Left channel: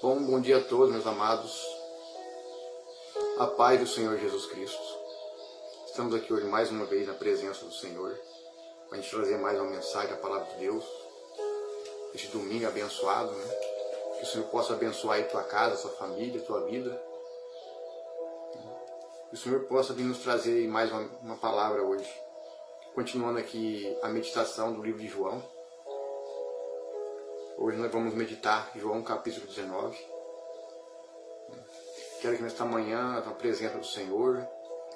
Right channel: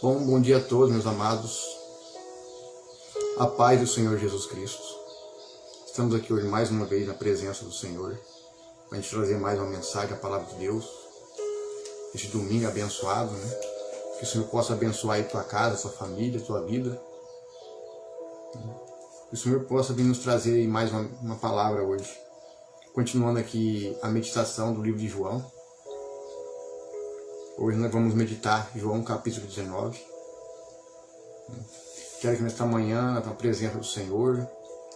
Bom dia a todos, meus amados. A paz do Senhor Jesus Cristo. Estamos aqui hoje mais uma vez na presença do Senhor, para a gente trazer mais uma mensagem da Palavra de Deus. Este domingo abençoado, né? Que o Senhor possa abençoar aí tua casa, tua família, tua vida. Que o Senhor possa vir nos trazer mais uma palavra hoje. Continuando aqui a meditação do livro de João. Hoje nós vamos meditar João capítulo 19. Quero que nesta manhã, na presença do Senhor,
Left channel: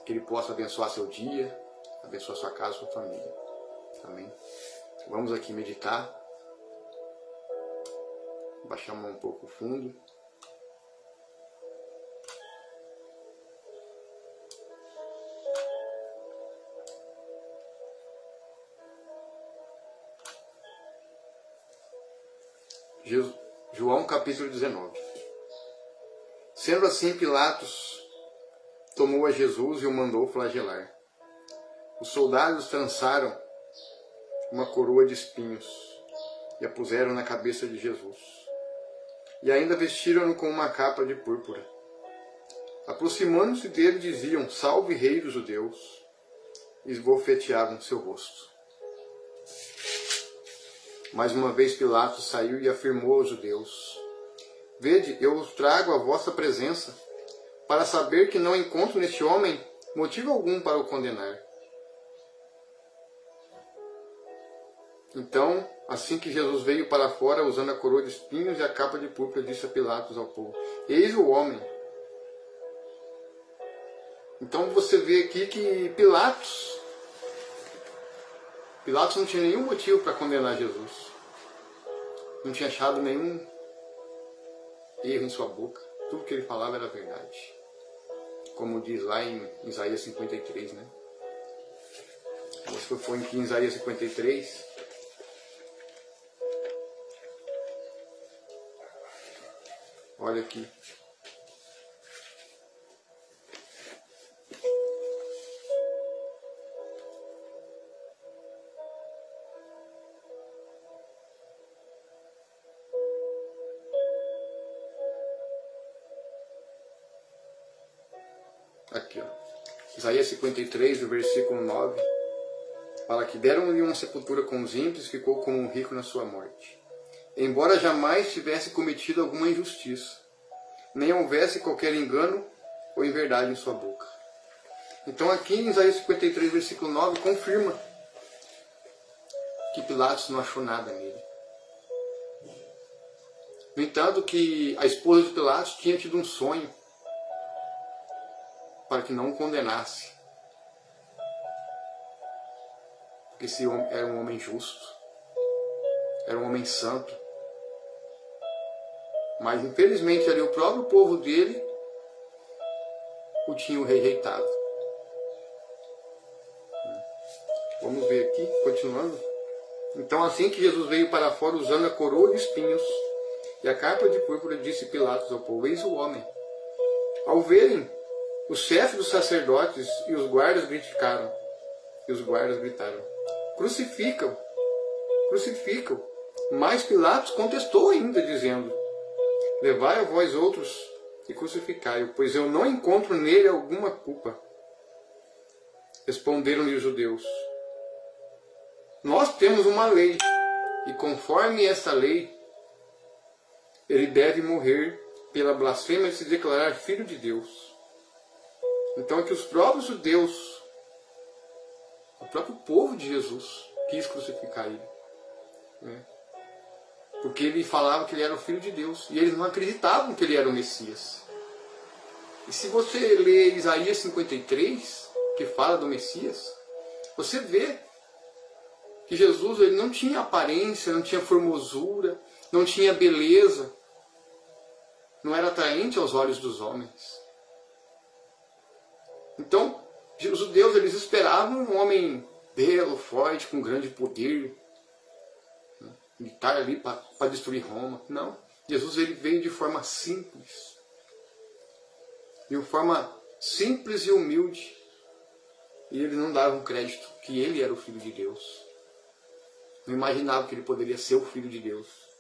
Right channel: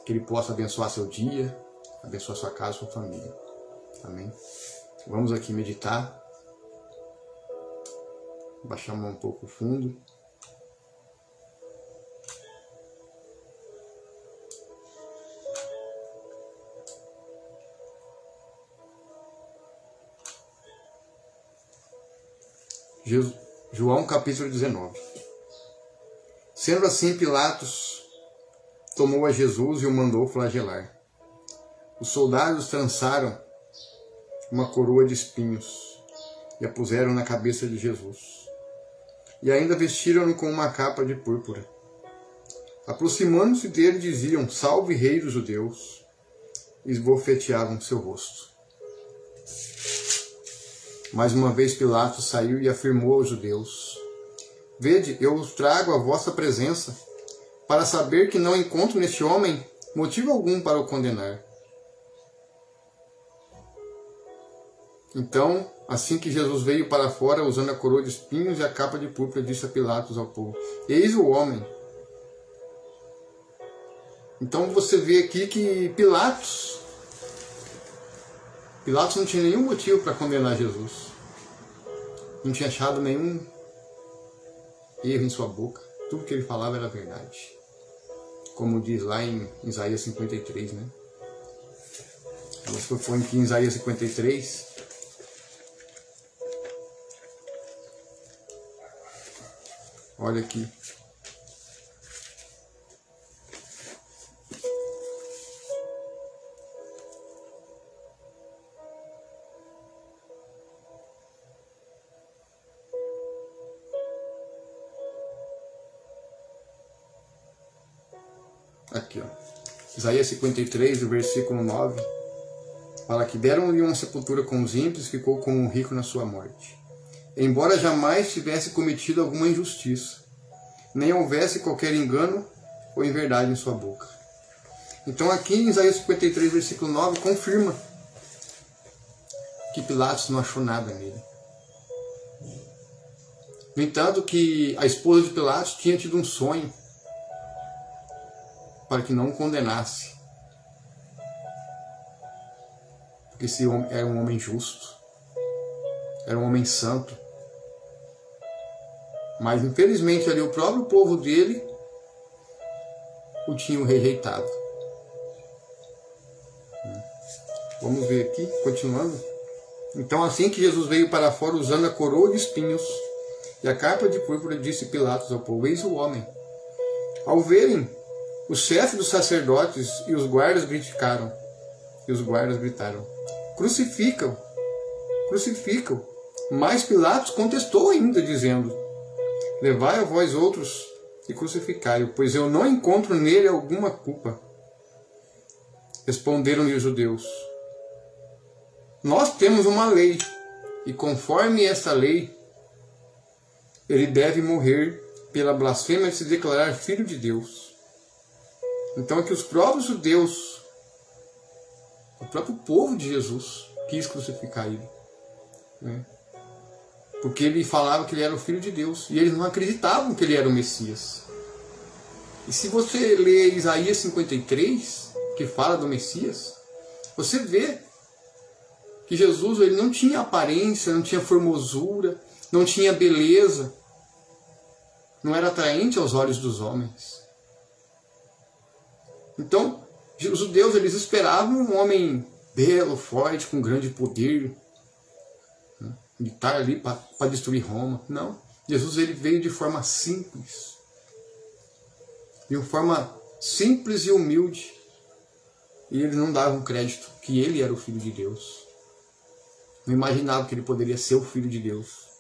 que Ele possa abençoar seu dia, abençoar sua casa, sua família. Amém? Vamos aqui meditar. Baixar a mão um pouco fundo. João capítulo 19. Sendo assim, Pilatos tomou a Jesus e o mandou flagelar. Os soldados trançaram uma coroa de espinhos e a puseram na cabeça de Jesus. E ainda vestiram-no com uma capa de púrpura. Aproximando-se dele, diziam: Salve, Rei dos Judeus! E esbofeteavam seu rosto. Mais uma vez Pilatos saiu e afirmou aos judeus: Vede, eu os trago à vossa presença, para saber que não encontro neste homem motivo algum para o condenar. Então, assim que Jesus veio para fora, usando a coroa de espinhos e a capa de púrpura, disse a Pilatos ao povo: Eis o homem. Então você vê aqui que Pilatos não tinha nenhum motivo para condenar Jesus. Não tinha achado nenhum erro em sua boca. Tudo que ele falava era verdade. Como diz lá em Isaías 53, né? Se eu for aqui em Isaías 53, olha aqui. Aqui, ó. Isaías 53, o versículo 9, fala que deram-lhe uma sepultura com os ímpios, ficou como um rico na sua morte. Embora jamais tivesse cometido alguma injustiça, nem houvesse qualquer engano ou inverdade em sua boca. Então aqui em Isaías 53, versículo 9, confirma que Pilatos não achou nada nele. No entanto, que a esposa de Pilatos tinha tido um sonho para que não o condenasse. Porque esse homem era um homem justo, era um homem santo. Mas infelizmente ali o próprio povo dele o tinham rejeitado. Vamos ver aqui, continuando. Então assim que Jesus veio para fora usando a coroa de espinhos e a capa de púrpura, disse Pilatos ao povo: Eis o homem. Ao verem, o chefe dos sacerdotes e os guardas gritaram: Crucificam, crucificam. Mas Pilatos contestou ainda, dizendo: Levai a vós outros e crucificai-o, pois eu não encontro nele alguma culpa. Responderam-lhe os judeus: Nós temos uma lei, e conforme esta lei, ele deve morrer pela blasfêmia de se declarar filho de Deus. Então é que os próprios judeus, o próprio povo de Jesus, quis crucificar ele, né? Porque ele falava que ele era o Filho de Deus, e eles não acreditavam que ele era o Messias. E se você ler Isaías 53, que fala do Messias, você vê que Jesus ele não tinha aparência, não tinha formosura, não tinha beleza, não era atraente aos olhos dos homens. Então, os judeus eles esperavam um homem belo, forte, com grande poder, né? Militar ali para destruir Roma. Não, Jesus ele veio de forma simples, e humilde, e eles não davam crédito que ele era o Filho de Deus. Não imaginavam que ele poderia ser o Filho de Deus.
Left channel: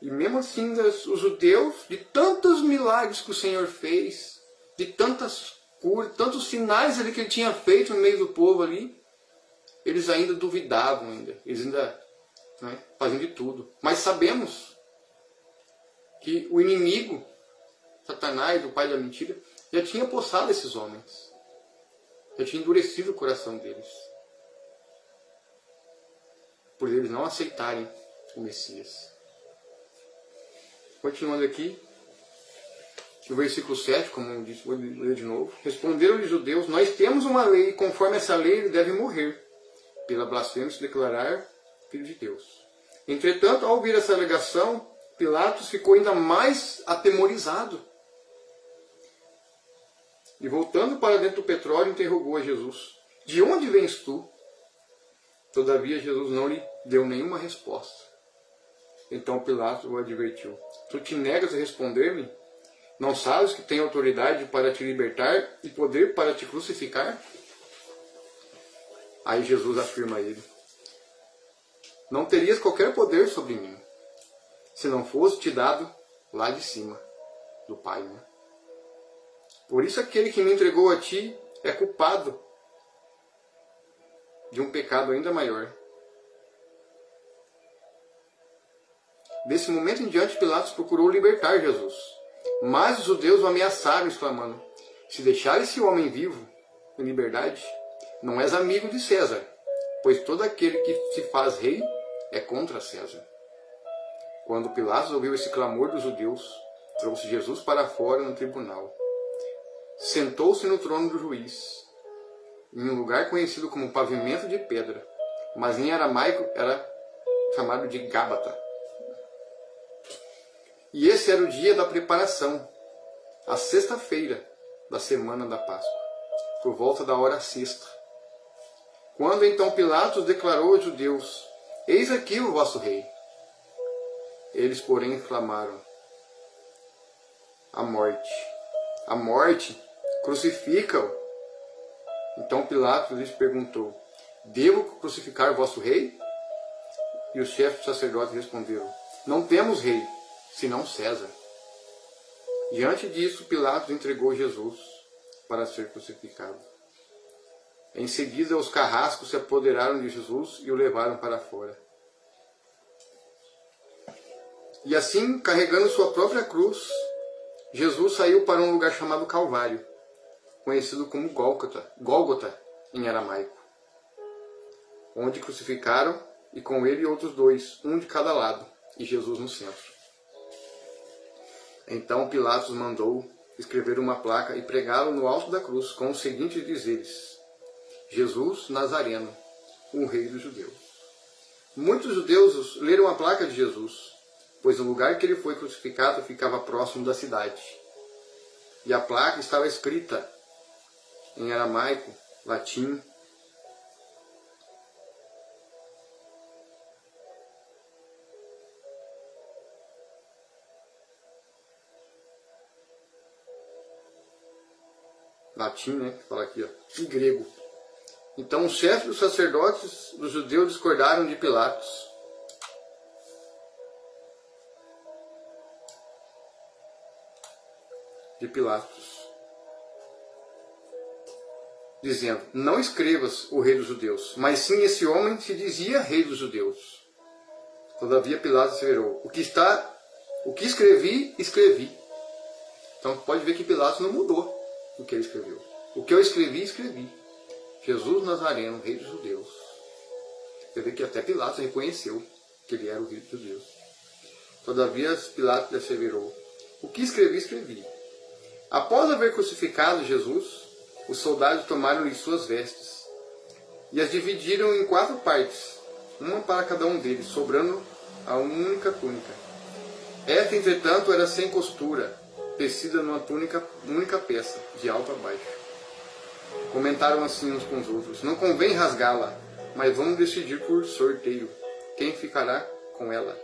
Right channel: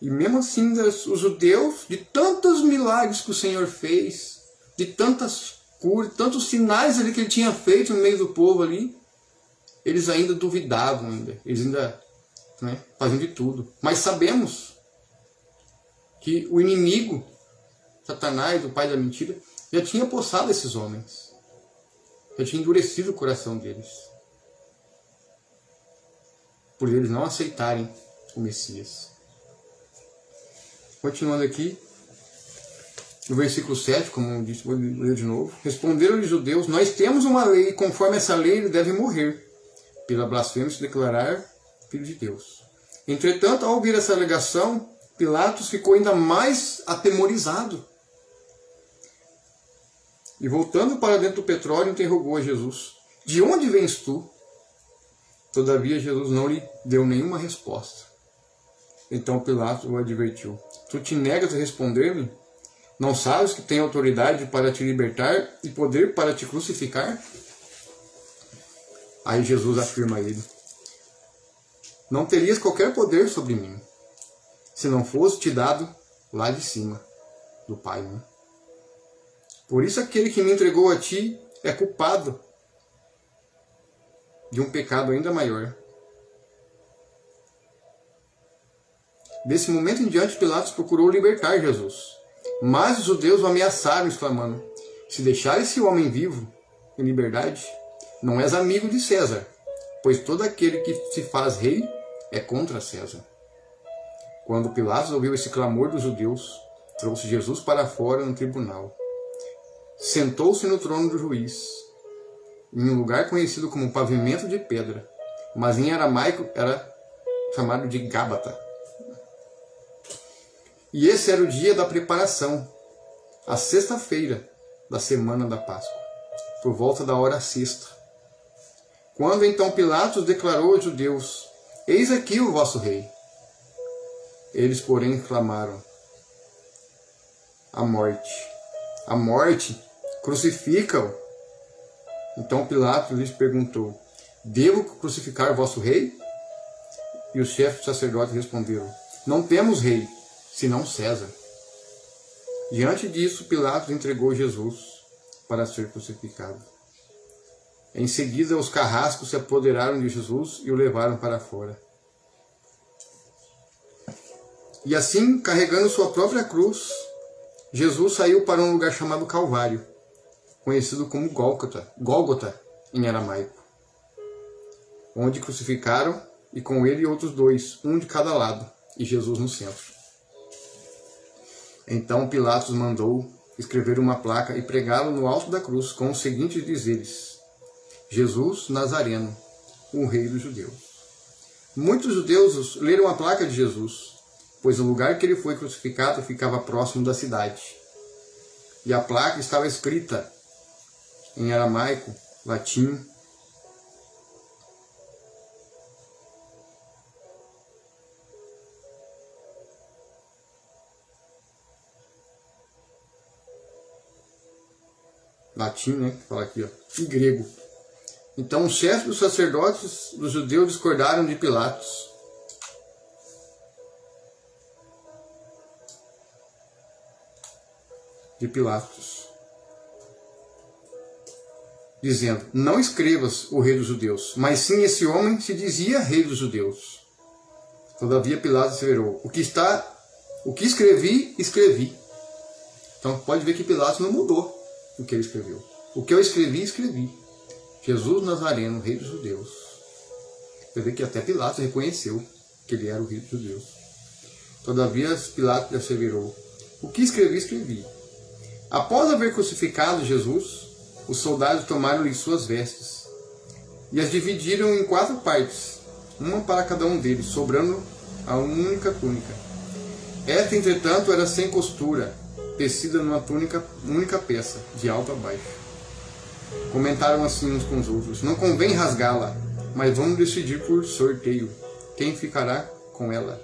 E mesmo assim, os judeus, de tantos milagres que o Senhor fez, de tantas curas, tantos sinais ali que ele tinha feito no meio do povo ali, eles ainda duvidavam, eles ainda faziam de tudo. Mas sabemos que o inimigo, Satanás, o pai da mentira, já tinha possado esses homens, já tinha endurecido o coração deles, por eles não aceitarem o Messias. Continuando aqui, no versículo 7, como eu disse, vou ler de novo. Responderam-lhe os judeus: nós temos uma lei, e conforme essa lei ele deve morrer, pela blasfêmia se declarar filho de Deus. Entretanto, ao ouvir essa alegação, Pilatos ficou ainda mais atemorizado. E voltando para dentro do petróleo, interrogou a Jesus: de onde vens tu? Todavia Jesus não lhe deu nenhuma resposta. Então Pilatos o advertiu: tu te negas a responder-me? Não sabes que tenho autoridade para te libertar e poder para te crucificar? Aí Jesus afirma a ele: não terias qualquer poder sobre mim, se não fosse te dado lá de cima, do Pai. Por isso aquele que me entregou a ti é culpado de um pecado ainda maior. Desse momento em diante, Pilatos procurou libertar Jesus. Mas os judeus o ameaçaram, exclamando: se deixar esse homem vivo, em liberdade, não és amigo de César, pois todo aquele que se faz rei é contra César. Quando Pilatos ouviu esse clamor dos judeus, trouxe Jesus para fora no tribunal. Sentou-se no trono do juiz, em um lugar conhecido como pavimento de pedra, mas em aramaico era chamado de Gábata. E esse era o dia da preparação, a sexta-feira da semana da Páscoa, por volta da hora sexta. Quando então Pilatos declarou aos judeus: eis aqui o vosso rei. Eles, porém, clamaram: a morte, crucifica-o. Então Pilatos lhes perguntou: devo crucificar o vosso rei? E os chefes dos sacerdotes responderam: não temos rei, senão César. Diante disso, Pilatos entregou Jesus para ser crucificado. Em seguida, os carrascos se apoderaram de Jesus e o levaram para fora. E assim, carregando sua própria cruz, Jesus saiu para um lugar chamado Calvário, conhecido como Gólgota em aramaico, onde crucificaram, e com ele outros dois, um de cada lado, e Jesus no centro. Então Pilatos mandou escrever uma placa e pregá-lo no alto da cruz, com os seguintes dizeres: Jesus Nazareno, o rei dos judeus. Muitos judeus leram a placa de Jesus, pois o lugar que ele foi crucificado ficava próximo da cidade. E a placa estava escrita em aramaico, latim, fala aqui, ó, e grego. Então os chefes dos sacerdotes dos judeus discordaram de Pilatos. Dizendo: não escrevas o rei dos judeus, mas sim esse homem se dizia rei dos judeus. Todavia Pilatos asseverou: o que escrevi, escrevi. Então pode ver que Pilatos não mudou o que ele escreveu. O que eu escrevi, escrevi. Jesus Nazareno, rei dos judeus. Você vê que até Pilatos reconheceu que ele era o rei dos judeus. Todavia Pilatos asseverou: o que escrevi, escrevi. Após haver crucificado Jesus, os soldados tomaram-lhe suas vestes e as dividiram em 4 partes, uma para cada um deles, sobrando a única túnica. Esta, entretanto, era sem costura, tecida numa única peça, de alto a baixo. Comentaram assim uns com os outros: não convém rasgá-la, mas vamos decidir por sorteio quem ficará com ela.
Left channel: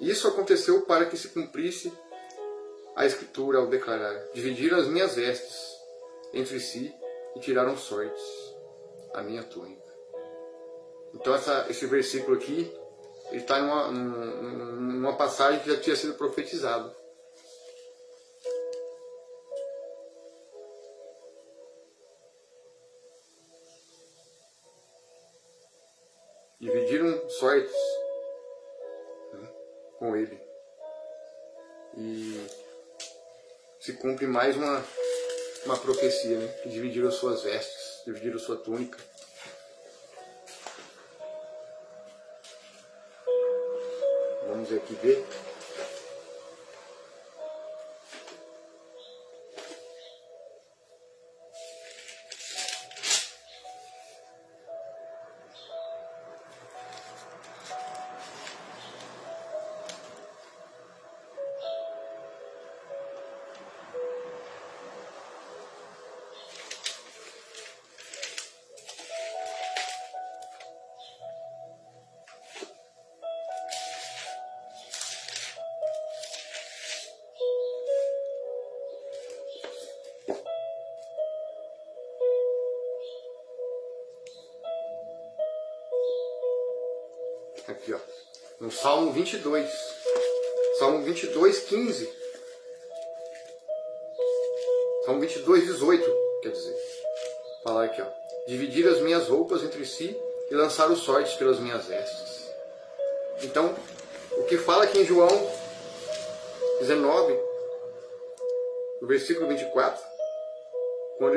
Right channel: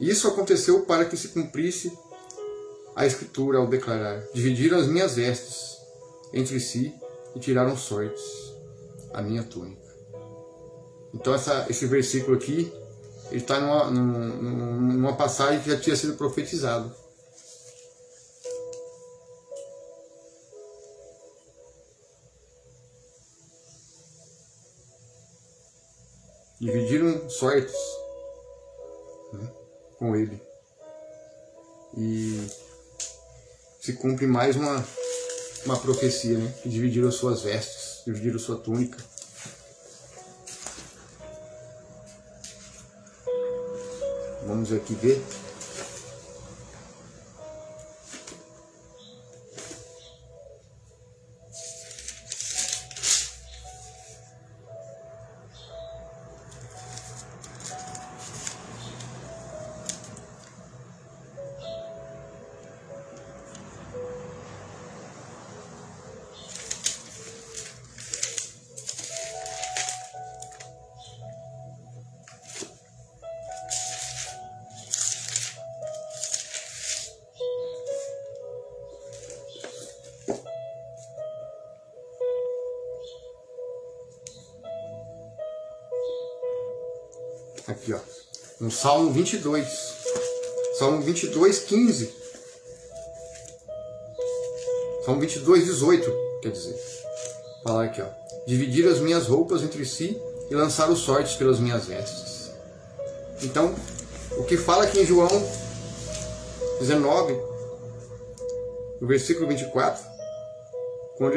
Isso aconteceu para que se cumprisse a Escritura ao declarar: dividiram as minhas vestes entre si e tiraram sortes a minha túnica. Então esse versículo aqui ele está numa passagem que já tinha sido profetizado. Dividiram sortes, né, com ele. E se cumpre mais uma profecia, né, que dividiram as suas vestes, dividiram a sua túnica. Vamos aqui ver. Aqui, ó, no Salmo 22, Salmo 22, 15, Salmo 22, 18, quer dizer, falar aqui, ó, dividir as minhas roupas entre si e lançar os sortes pelas minhas vestes. Então, o que fala aqui em João 19, no versículo 24, quando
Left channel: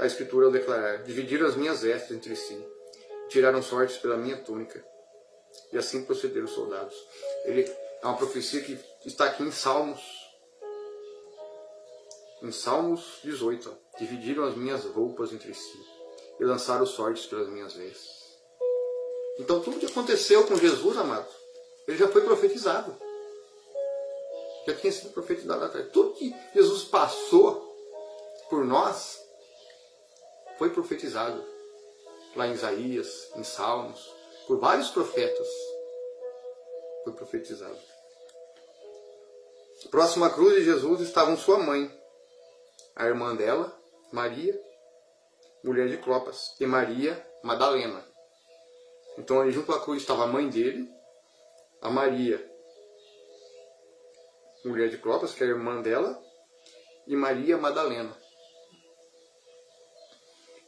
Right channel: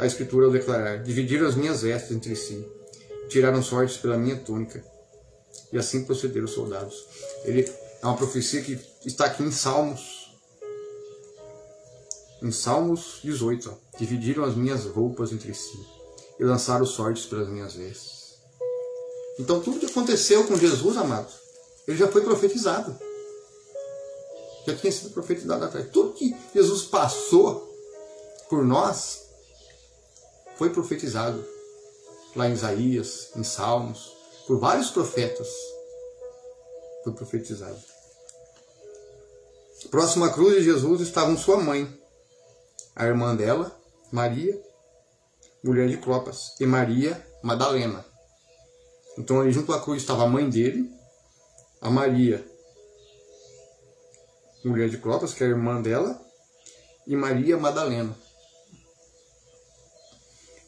a Escritura declarar, dividiram as minhas vestes entre si, tiraram sortes pela minha túnica, e assim procederam os soldados. Ele é uma profecia que está aqui em Salmos 18. Ó. Dividiram as minhas roupas entre si e lançaram os sortes pelas minhas vestes. Então tudo que aconteceu com Jesus, amado, ele já foi profetizado. Já tinha sido profetizado atrás. Tudo que Jesus passou por nós foi profetizado. Lá em Isaías, em Salmos, por vários profetas foi profetizado. Próximo à cruz de Jesus estavam sua mãe, a irmã dela, Maria, mulher de Clopas, e Maria Madalena. Então ali junto à cruz estava a mãe dele, a Maria, mulher de Clopas, que é a irmã dela, e Maria Madalena.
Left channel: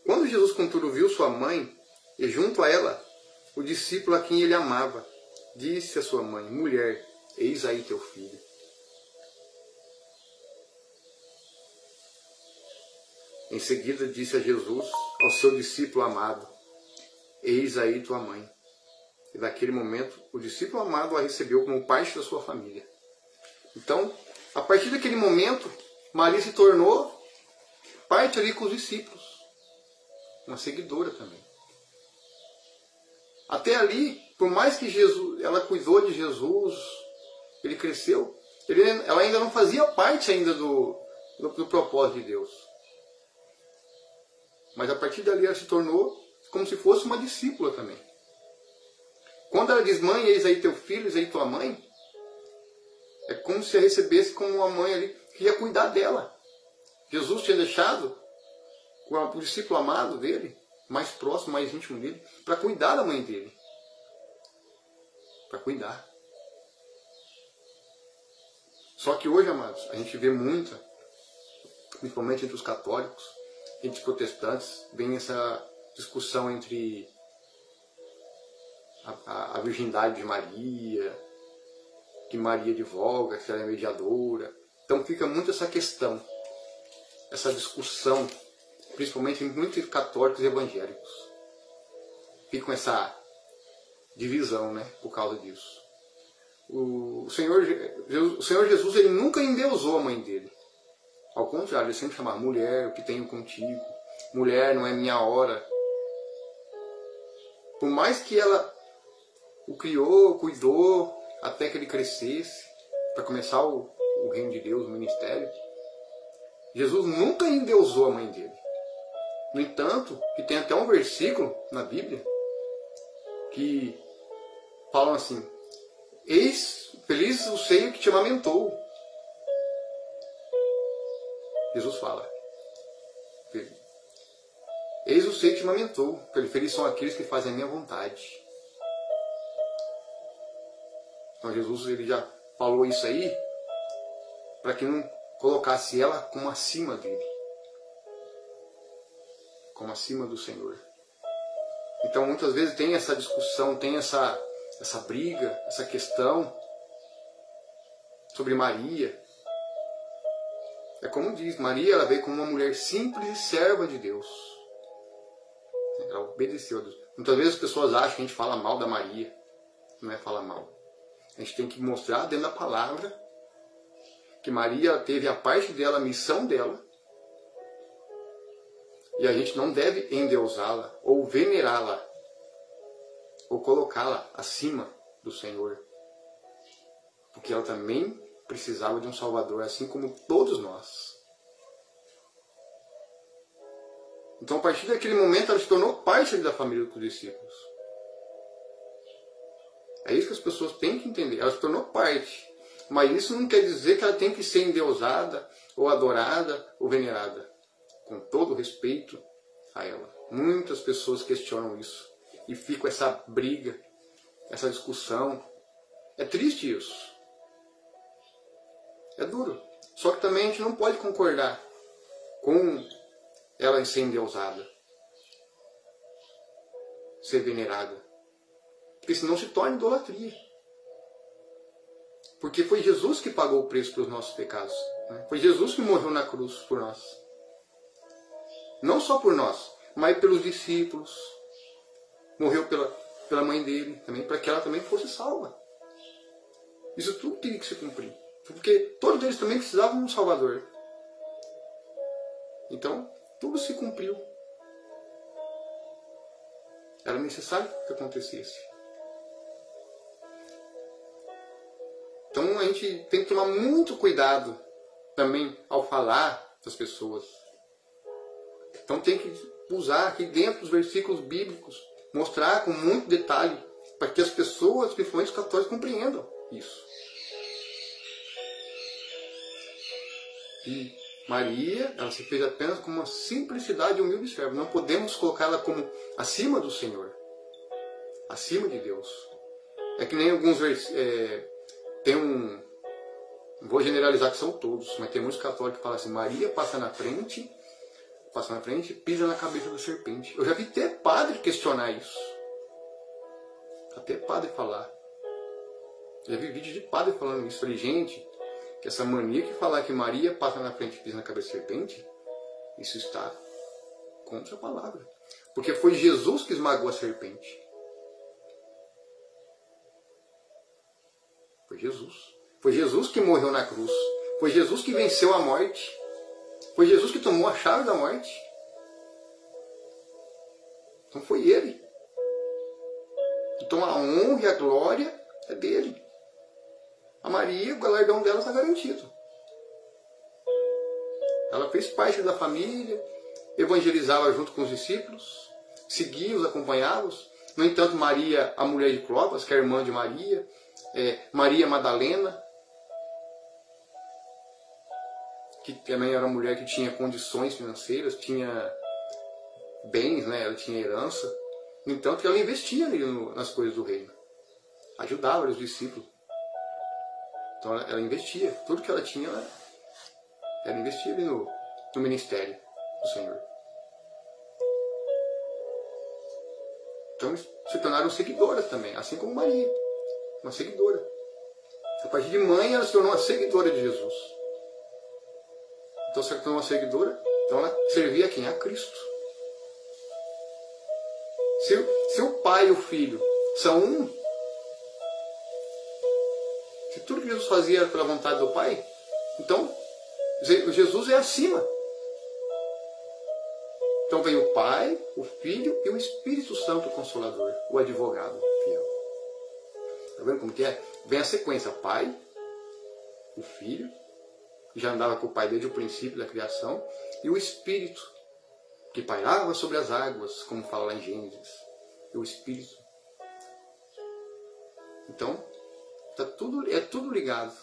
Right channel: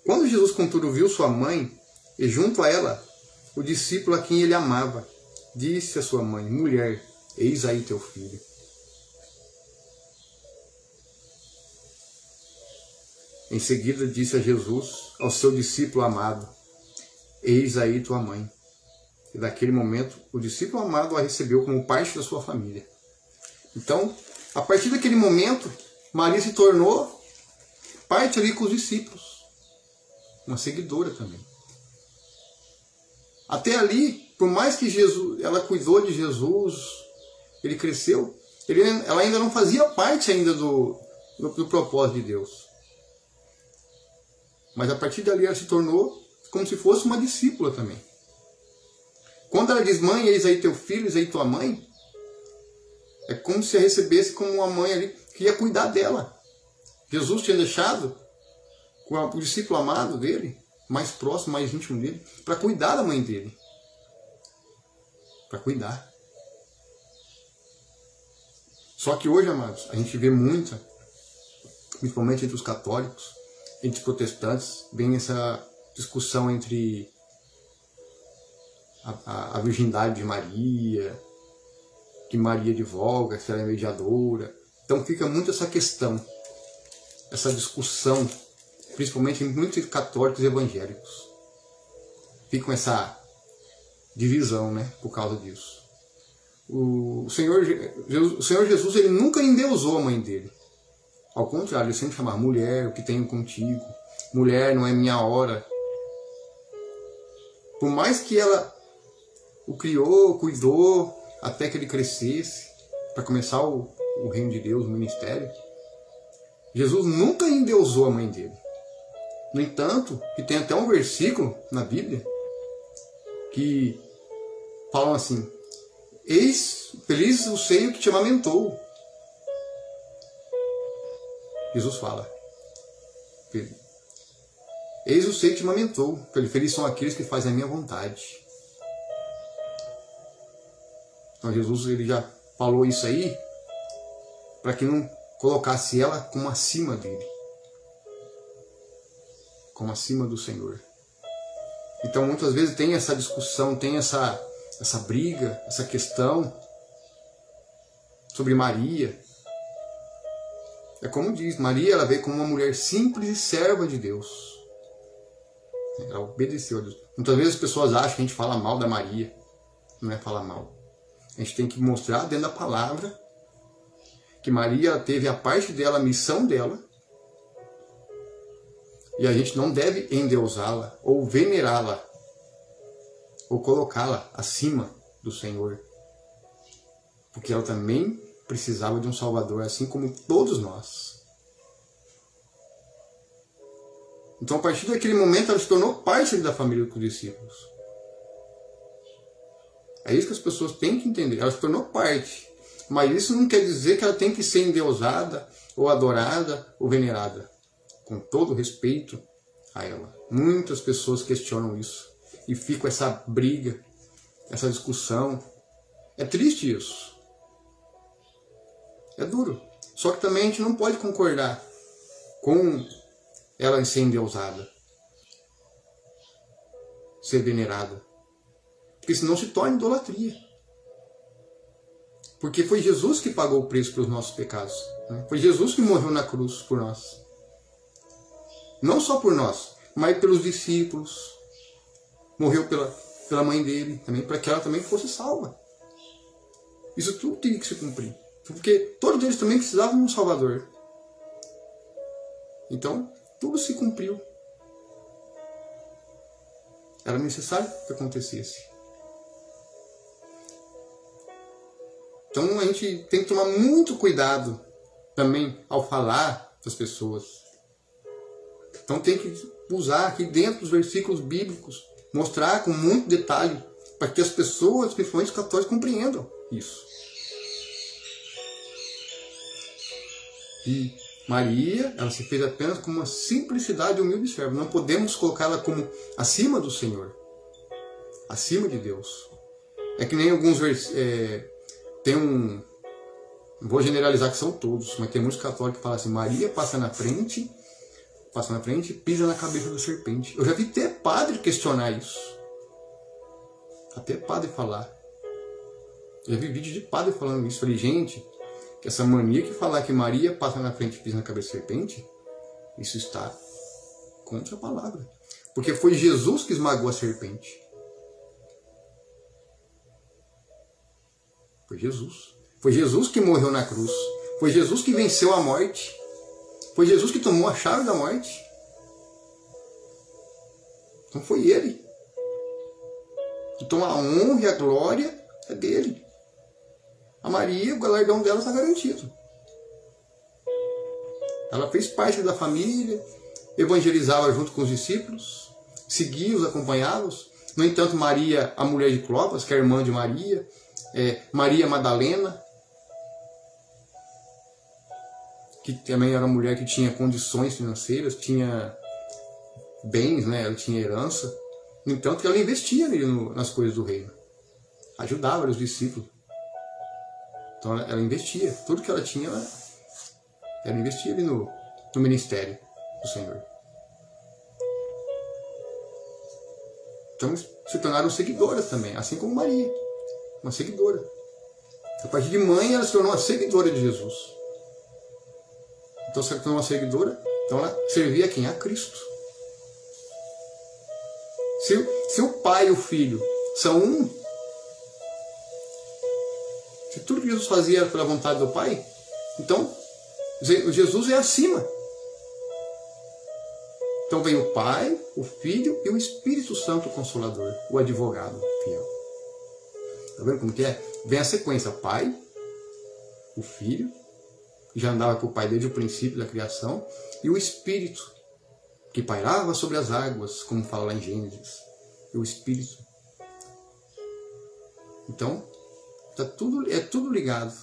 Quando Jesus, contudo, viu sua mãe, e junto a ela o discípulo a quem ele amava, disse à sua mãe: mulher, eis aí teu filho. Em seguida disse a Jesus ao seu discípulo amado: eis aí tua mãe. E daquele momento o discípulo amado a recebeu como parte da sua família. Então, a partir daquele momento, Maria se tornou parte ali com os discípulos, uma seguidora também. Até ali, por mais que ela cuidou de Jesus, ele cresceu, ela ainda não fazia parte ainda do propósito de Deus. Mas a partir dali ela se tornou como se fosse uma discípula também. Quando ela diz: mãe, eis aí teu filho, eis aí tua mãe, é como se a recebesse como uma mãe ali que ia cuidar dela. Jesus tinha deixado o discípulo amado dele, mais próximo, mais íntimo dele, para cuidar da mãe dele. Para cuidar. Só que hoje, amados, a gente vê muita, principalmente entre os católicos, entre os protestantes, vem essa discussão entre a virgindade de Maria, que Maria advoga, se ela é mediadora. Então fica muito essa questão, essa discussão, principalmente em muitos católicos e evangélicos. Fica essa divisão, né, por causa disso. O Senhor Jesus, ele nunca endeusou a mãe dele. Ao contrário, ele sempre chamava: mulher, o que tenho contigo? Mulher, não é minha hora. Por mais que ela o criou, cuidou, até que ele crescesse, para começar o reino de Deus, o ministério, Jesus nunca endeusou a mãe dele. No entanto, que tem até um versículo na Bíblia que falam assim: eis, feliz o seio que te amamentou. Jesus fala: eis o seio que te amamentou. Felizes são aqueles que fazem a minha vontade. Então Jesus ele já falou isso aí para que não colocasse ela como acima dele, como acima do Senhor. Então muitas vezes tem essa discussão, tem essa briga, essa questão sobre Maria. É como diz, Maria ela veio como uma mulher simples e serva de Deus. Ela obedeceu a Deus. Muitas vezes as pessoas acham que a gente fala mal da Maria. Não é falar mal. A gente tem que mostrar dentro da palavra que Maria ela teve a parte dela, a missão dela. E a gente não deve endeusá-la ou venerá-la ou colocá-la acima do Senhor. Porque ela também precisava de um Salvador, assim como todos nós. Então, a partir daquele momento, ela se tornou parte da família dos discípulos. É isso que as pessoas têm que entender. Ela se tornou parte. Mas isso não quer dizer que ela tem que ser endeusada, ou adorada, ou venerada. Com todo respeito a ela. Muitas pessoas questionam isso. E fica essa briga, essa discussão. É triste isso. É duro. Só que também a gente não pode concordar com ela ser endeusada, ser venerada. Porque senão se torna idolatria. Porque foi Jesus que pagou o preço pelos nossos pecados. Né? Foi Jesus que morreu na cruz por nós. Não só por nós, mas pelos discípulos. Morreu pela mãe dele também, para que ela também fosse salva. Isso tudo tinha que se cumprir. Porque todos eles também precisavam de um Salvador. Então, tudo se cumpriu. Era necessário que acontecesse. Então a gente tem que tomar muito cuidado também ao falar das pessoas. Então tem que usar aqui dentro dos versículos bíblicos, mostrar com muito detalhe, para que as pessoas, principalmente os católicos, compreendam isso. E Maria, ela se fez apenas com uma simplicidade e humilde serva. Não podemos colocá-la como acima do Senhor, acima de Deus. É que nem alguns tem não vou generalizar que são todos, mas tem muitos católicos que falam assim: Maria passa na frente e pisa na cabeça da serpente. Eu já vi até padre questionar isso. Até padre falar. Eu já vi vídeo de padre falando isso. Falei, gente, que essa mania que falar que Maria passa na frente e pisa na cabeça da serpente, isso está contra a palavra. Porque foi Jesus que esmagou a serpente. Foi Jesus. Foi Jesus que morreu na cruz. Foi Jesus que venceu a morte. Foi Jesus que tomou a chave da morte. Então foi Ele. Então a honra e a glória é dele. A Maria, o galardão dela está garantido. Ela fez parte da família, evangelizava junto com os discípulos, seguia-os, acompanhava-os. No entanto, Maria, a mulher de Clopas, que é a irmã de Maria, Maria Madalena, que também era uma mulher que tinha condições financeiras, tinha bens, né? Ela tinha herança. No entanto, ela investia ali nas coisas do reino. Ajudava os discípulos. Então ela investia. Tudo que ela tinha, ela investia ali no ministério do Senhor. Então se tornaram seguidoras também, assim como Maria. Uma seguidora. A partir de mãe, ela se tornou uma seguidora de Jesus. Então, se ela tornou uma seguidora, então ela servia a quem? A Cristo. Se o Pai e o Filho são um, se tudo que Jesus fazia era pela vontade do Pai, então Jesus é acima. Então vem o Pai, o Filho e o Espírito Santo Consolador, o advogado fiel. Está vendo como que é? Vem a sequência: Pai, o Filho, que já andava com o Pai desde o princípio da criação, e o Espírito, que pairava sobre as águas, como fala lá em Gênesis. E o Espírito. Então, é tudo ligado.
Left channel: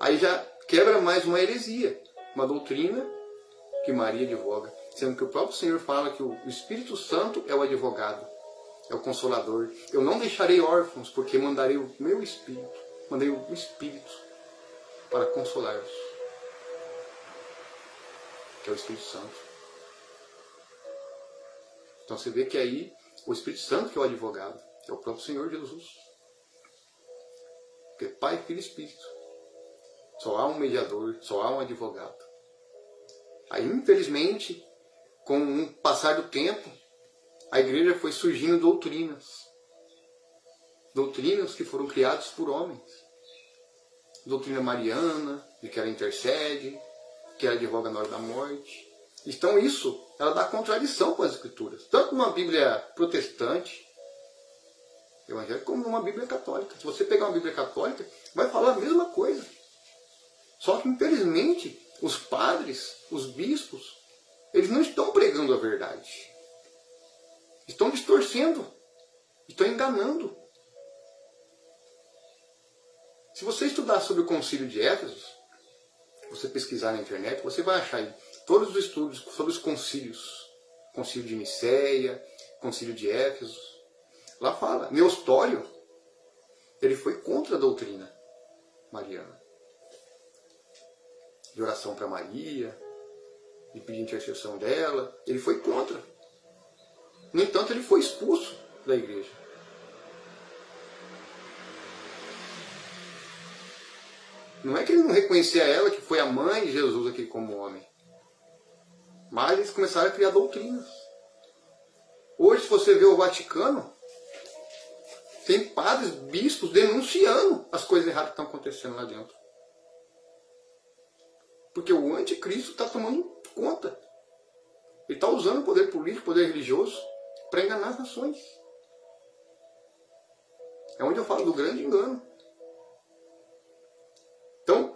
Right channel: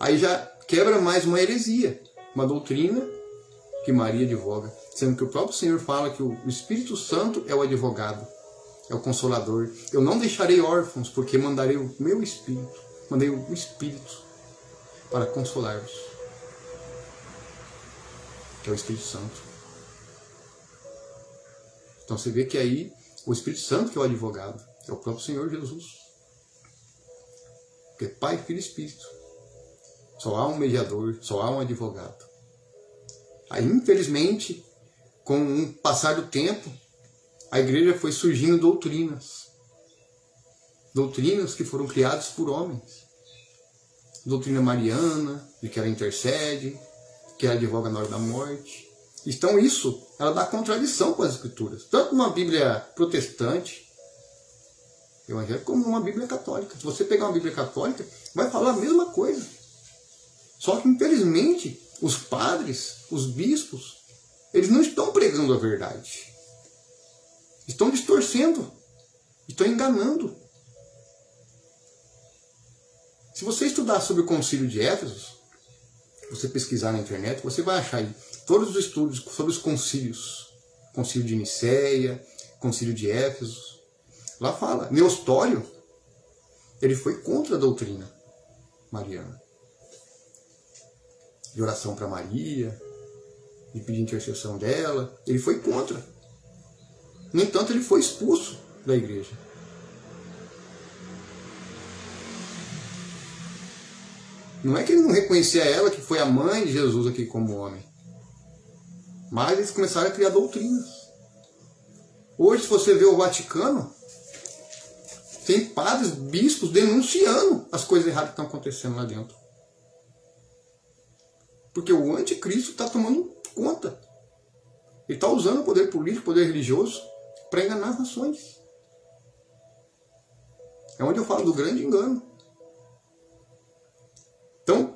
Aí já quebra mais uma heresia, uma doutrina que Maria advoga, sendo que o próprio Senhor fala que o Espírito Santo é o advogado. é o Consolador. Eu não deixarei órfãos, porque mandarei o meu Espírito. Mandei o Espírito para consolar-vos, que é o Espírito Santo. Então você vê que aí o Espírito Santo que é o advogado, é o próprio Senhor Jesus. Porque Pai, Filho e Espírito. Só há um mediador, só há um advogado. Aí, infelizmente, com o passar do tempo, a igreja foi surgindo doutrinas. Doutrinas que foram criadas por homens. Doutrina mariana, de que ela intercede, que ela advoga na hora da morte. Então isso, ela dá contradição com as Escrituras. Tanto uma Bíblia protestante, evangélica, como uma Bíblia católica. Se você pegar uma Bíblia católica, vai falar a mesma coisa. Só que, infelizmente, os padres, os bispos, eles não estão pregando a verdade. Estão distorcendo. Estão enganando. Se você estudar sobre o Concílio de Éfeso, você pesquisar na internet, você vai achar aí todos os estudos sobre os concílios. Concílio de Nicéia, Concílio de Éfeso. Lá fala, Neustório, ele foi contra a doutrina mariana. De oração para Maria, de pedir intercessão dela, ele foi contra. No entanto, ele foi expulso da igreja. Não é que ele não reconhecia ela, que foi a mãe de Jesus aqui como homem. Mas eles começaram a criar doutrinas. Hoje, se você vê o Vaticano, tem padres, bispos denunciando as coisas erradas que estão acontecendo lá dentro. Porque o anticristo está tomando conta. Ele está usando o poder político, o poder religioso, para enganar as nações. É onde eu falo do grande engano. Então,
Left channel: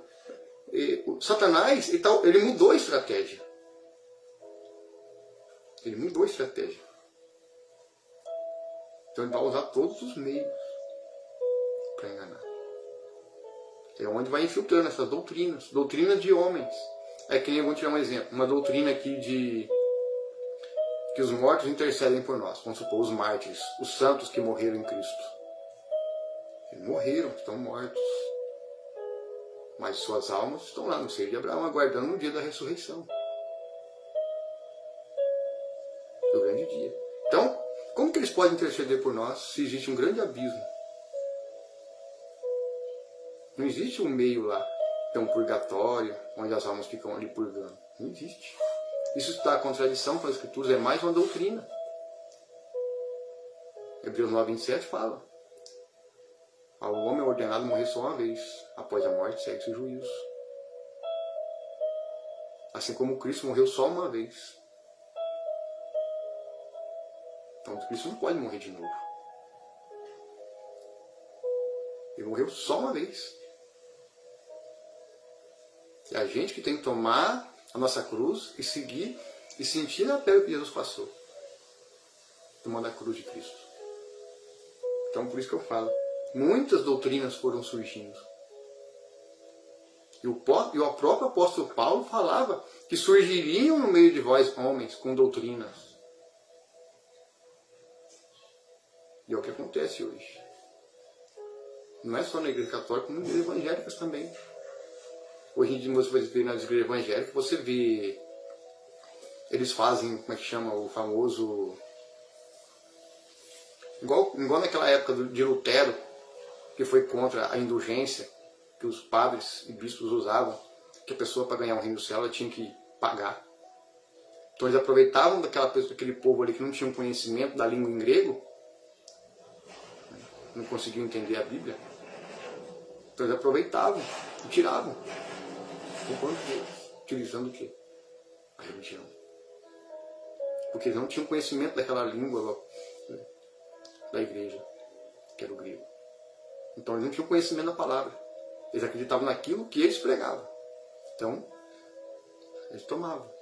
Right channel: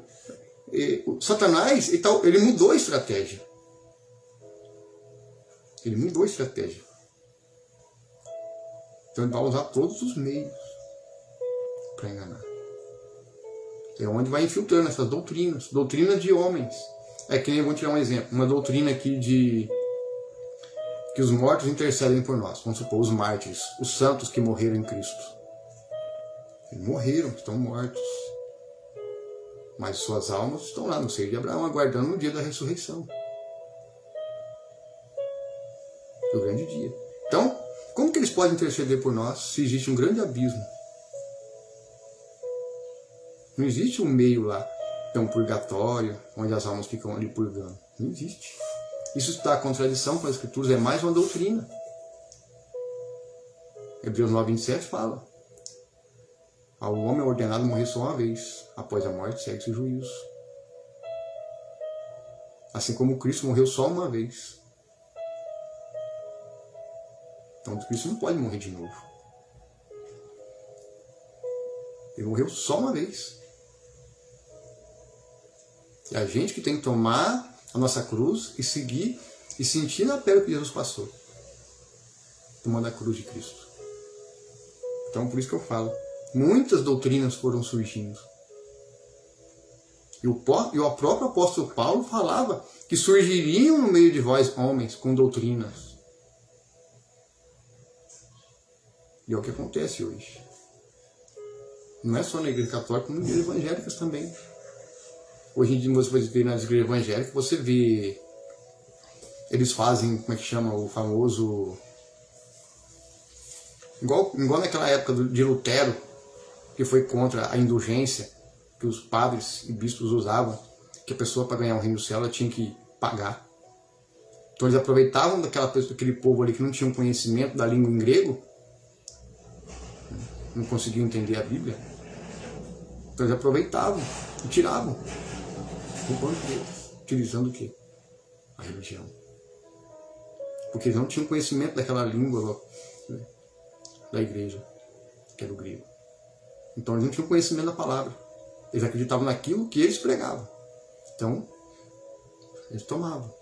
Satanás, ele mudou a estratégia. Ele mudou a estratégia. Então, ele vai usar todos os meios para enganar. É onde vai infiltrando essas doutrinas. Doutrinas de homens. É que nem, eu vou tirar um exemplo. Uma doutrina aqui de que os mortos intercedem por nós. Vamos supor, os mártires, os santos que morreram em Cristo. Eles morreram, estão mortos. Mas suas almas estão lá no seio de Abraão, aguardando o dia da ressurreição. O grande dia. Então, como que eles podem interceder por nós se existe um grande abismo? Não existe um meio lá, que é um purgatório, onde as almas ficam ali purgando. Não existe. Isso está em contradição com as Escrituras, é mais uma doutrina. Hebreus 9:27 fala: ao homem é ordenado morrer só uma vez, após a morte segue-se o juízo. Assim como Cristo morreu só uma vez. Então Cristo não pode morrer de novo. Ele morreu só uma vez. É a gente que tem que tomar a nossa cruz e seguir e sentir na pele o que Jesus passou. Tomando a cruz de Cristo. Então por isso que eu falo. Muitas doutrinas foram surgindo. E o próprio apóstolo Paulo falava que surgiriam no meio de vós homens com doutrinas. E é o que acontece hoje. Não é só na igreja católica, como nas igrejas evangélicas também. Hoje em dia, você vai ver nas igrejas evangélicas, você vê... Eles fazem, como é que chama, o famoso... Igual naquela época de Lutero, que foi contra a indulgência que os padres e bispos usavam, que a pessoa, para ganhar o reino do céu, ela tinha que pagar. Então eles aproveitavam daquele povo ali que não tinha conhecimento da língua em grego, não conseguiam entender a Bíblia. Então eles aproveitavam e tiravam. Utilizando o quê? A religião. Porque eles não tinham conhecimento daquela língua da igreja, que era o grego. Então eles não tinham conhecimento da palavra. Eles acreditavam naquilo que eles pregavam. Então, eles tomavam.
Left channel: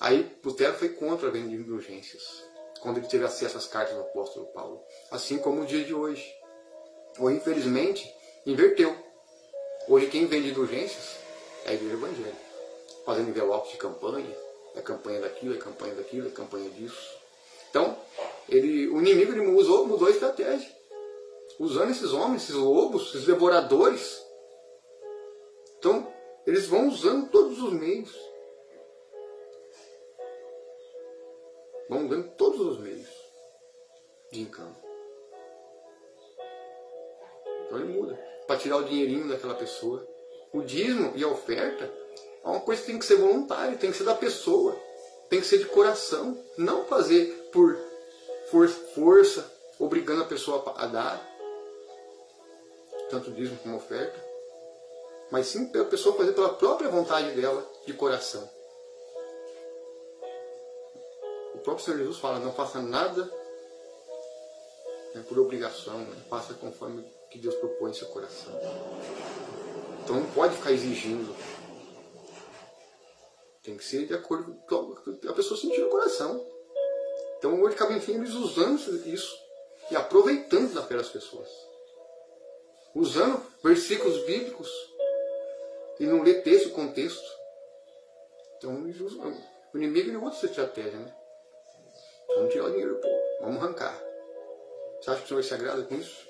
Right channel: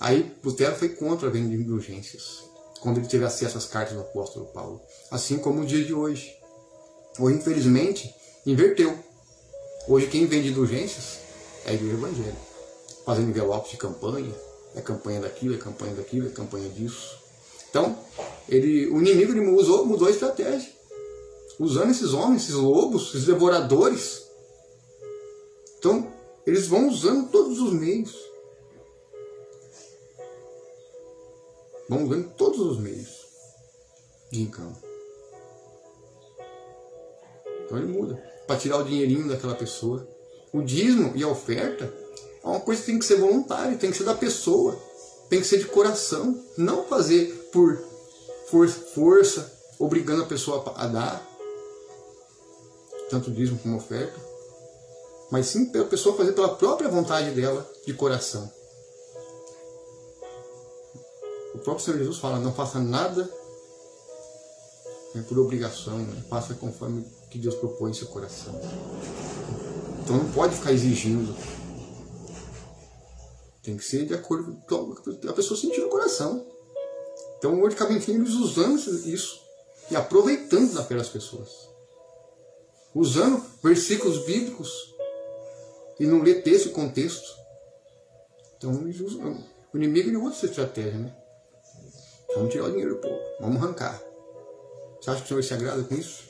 Aí Lutero foi contra a venda de indulgências, quando ele teve acesso às cartas do apóstolo Paulo. Assim como no dia de hoje. Hoje, infelizmente, inverteu. Hoje quem vende indulgências é a igreja evangélica. Fazendo envelopes de campanha. É campanha daquilo, é campanha daquilo, é campanha disso. Então, o inimigo ele mudou a estratégia. Usando esses homens, esses lobos, esses devoradores. Então, eles vão usando todos os meios. Vão usando todos os meios de engano. Então ele muda. Para tirar o dinheirinho daquela pessoa. O dízimo e a oferta é uma coisa que tem que ser voluntária, tem que ser da pessoa. Tem que ser de coração. Não fazer por força, obrigando a pessoa a dar. Tanto dízimo como oferta. Mas sim a pessoa fazer pela própria vontade dela, de coração. O próprio Senhor Jesus fala, não faça nada por obrigação, né? Faça conforme o que Deus propõe em seu coração. Então não pode ficar exigindo. Tem que ser de acordo com o que a pessoa sentir no coração. Então hoje acaba enfim eles usando isso e aproveitando da fé das pessoas. Usando versículos bíblicos e não ler texto e contexto. Então o inimigo ele usa essa estratégia, né? Vamos tirar o dinheiro do povo, vamos arrancar. Você acha que o Senhor se agrada com isso?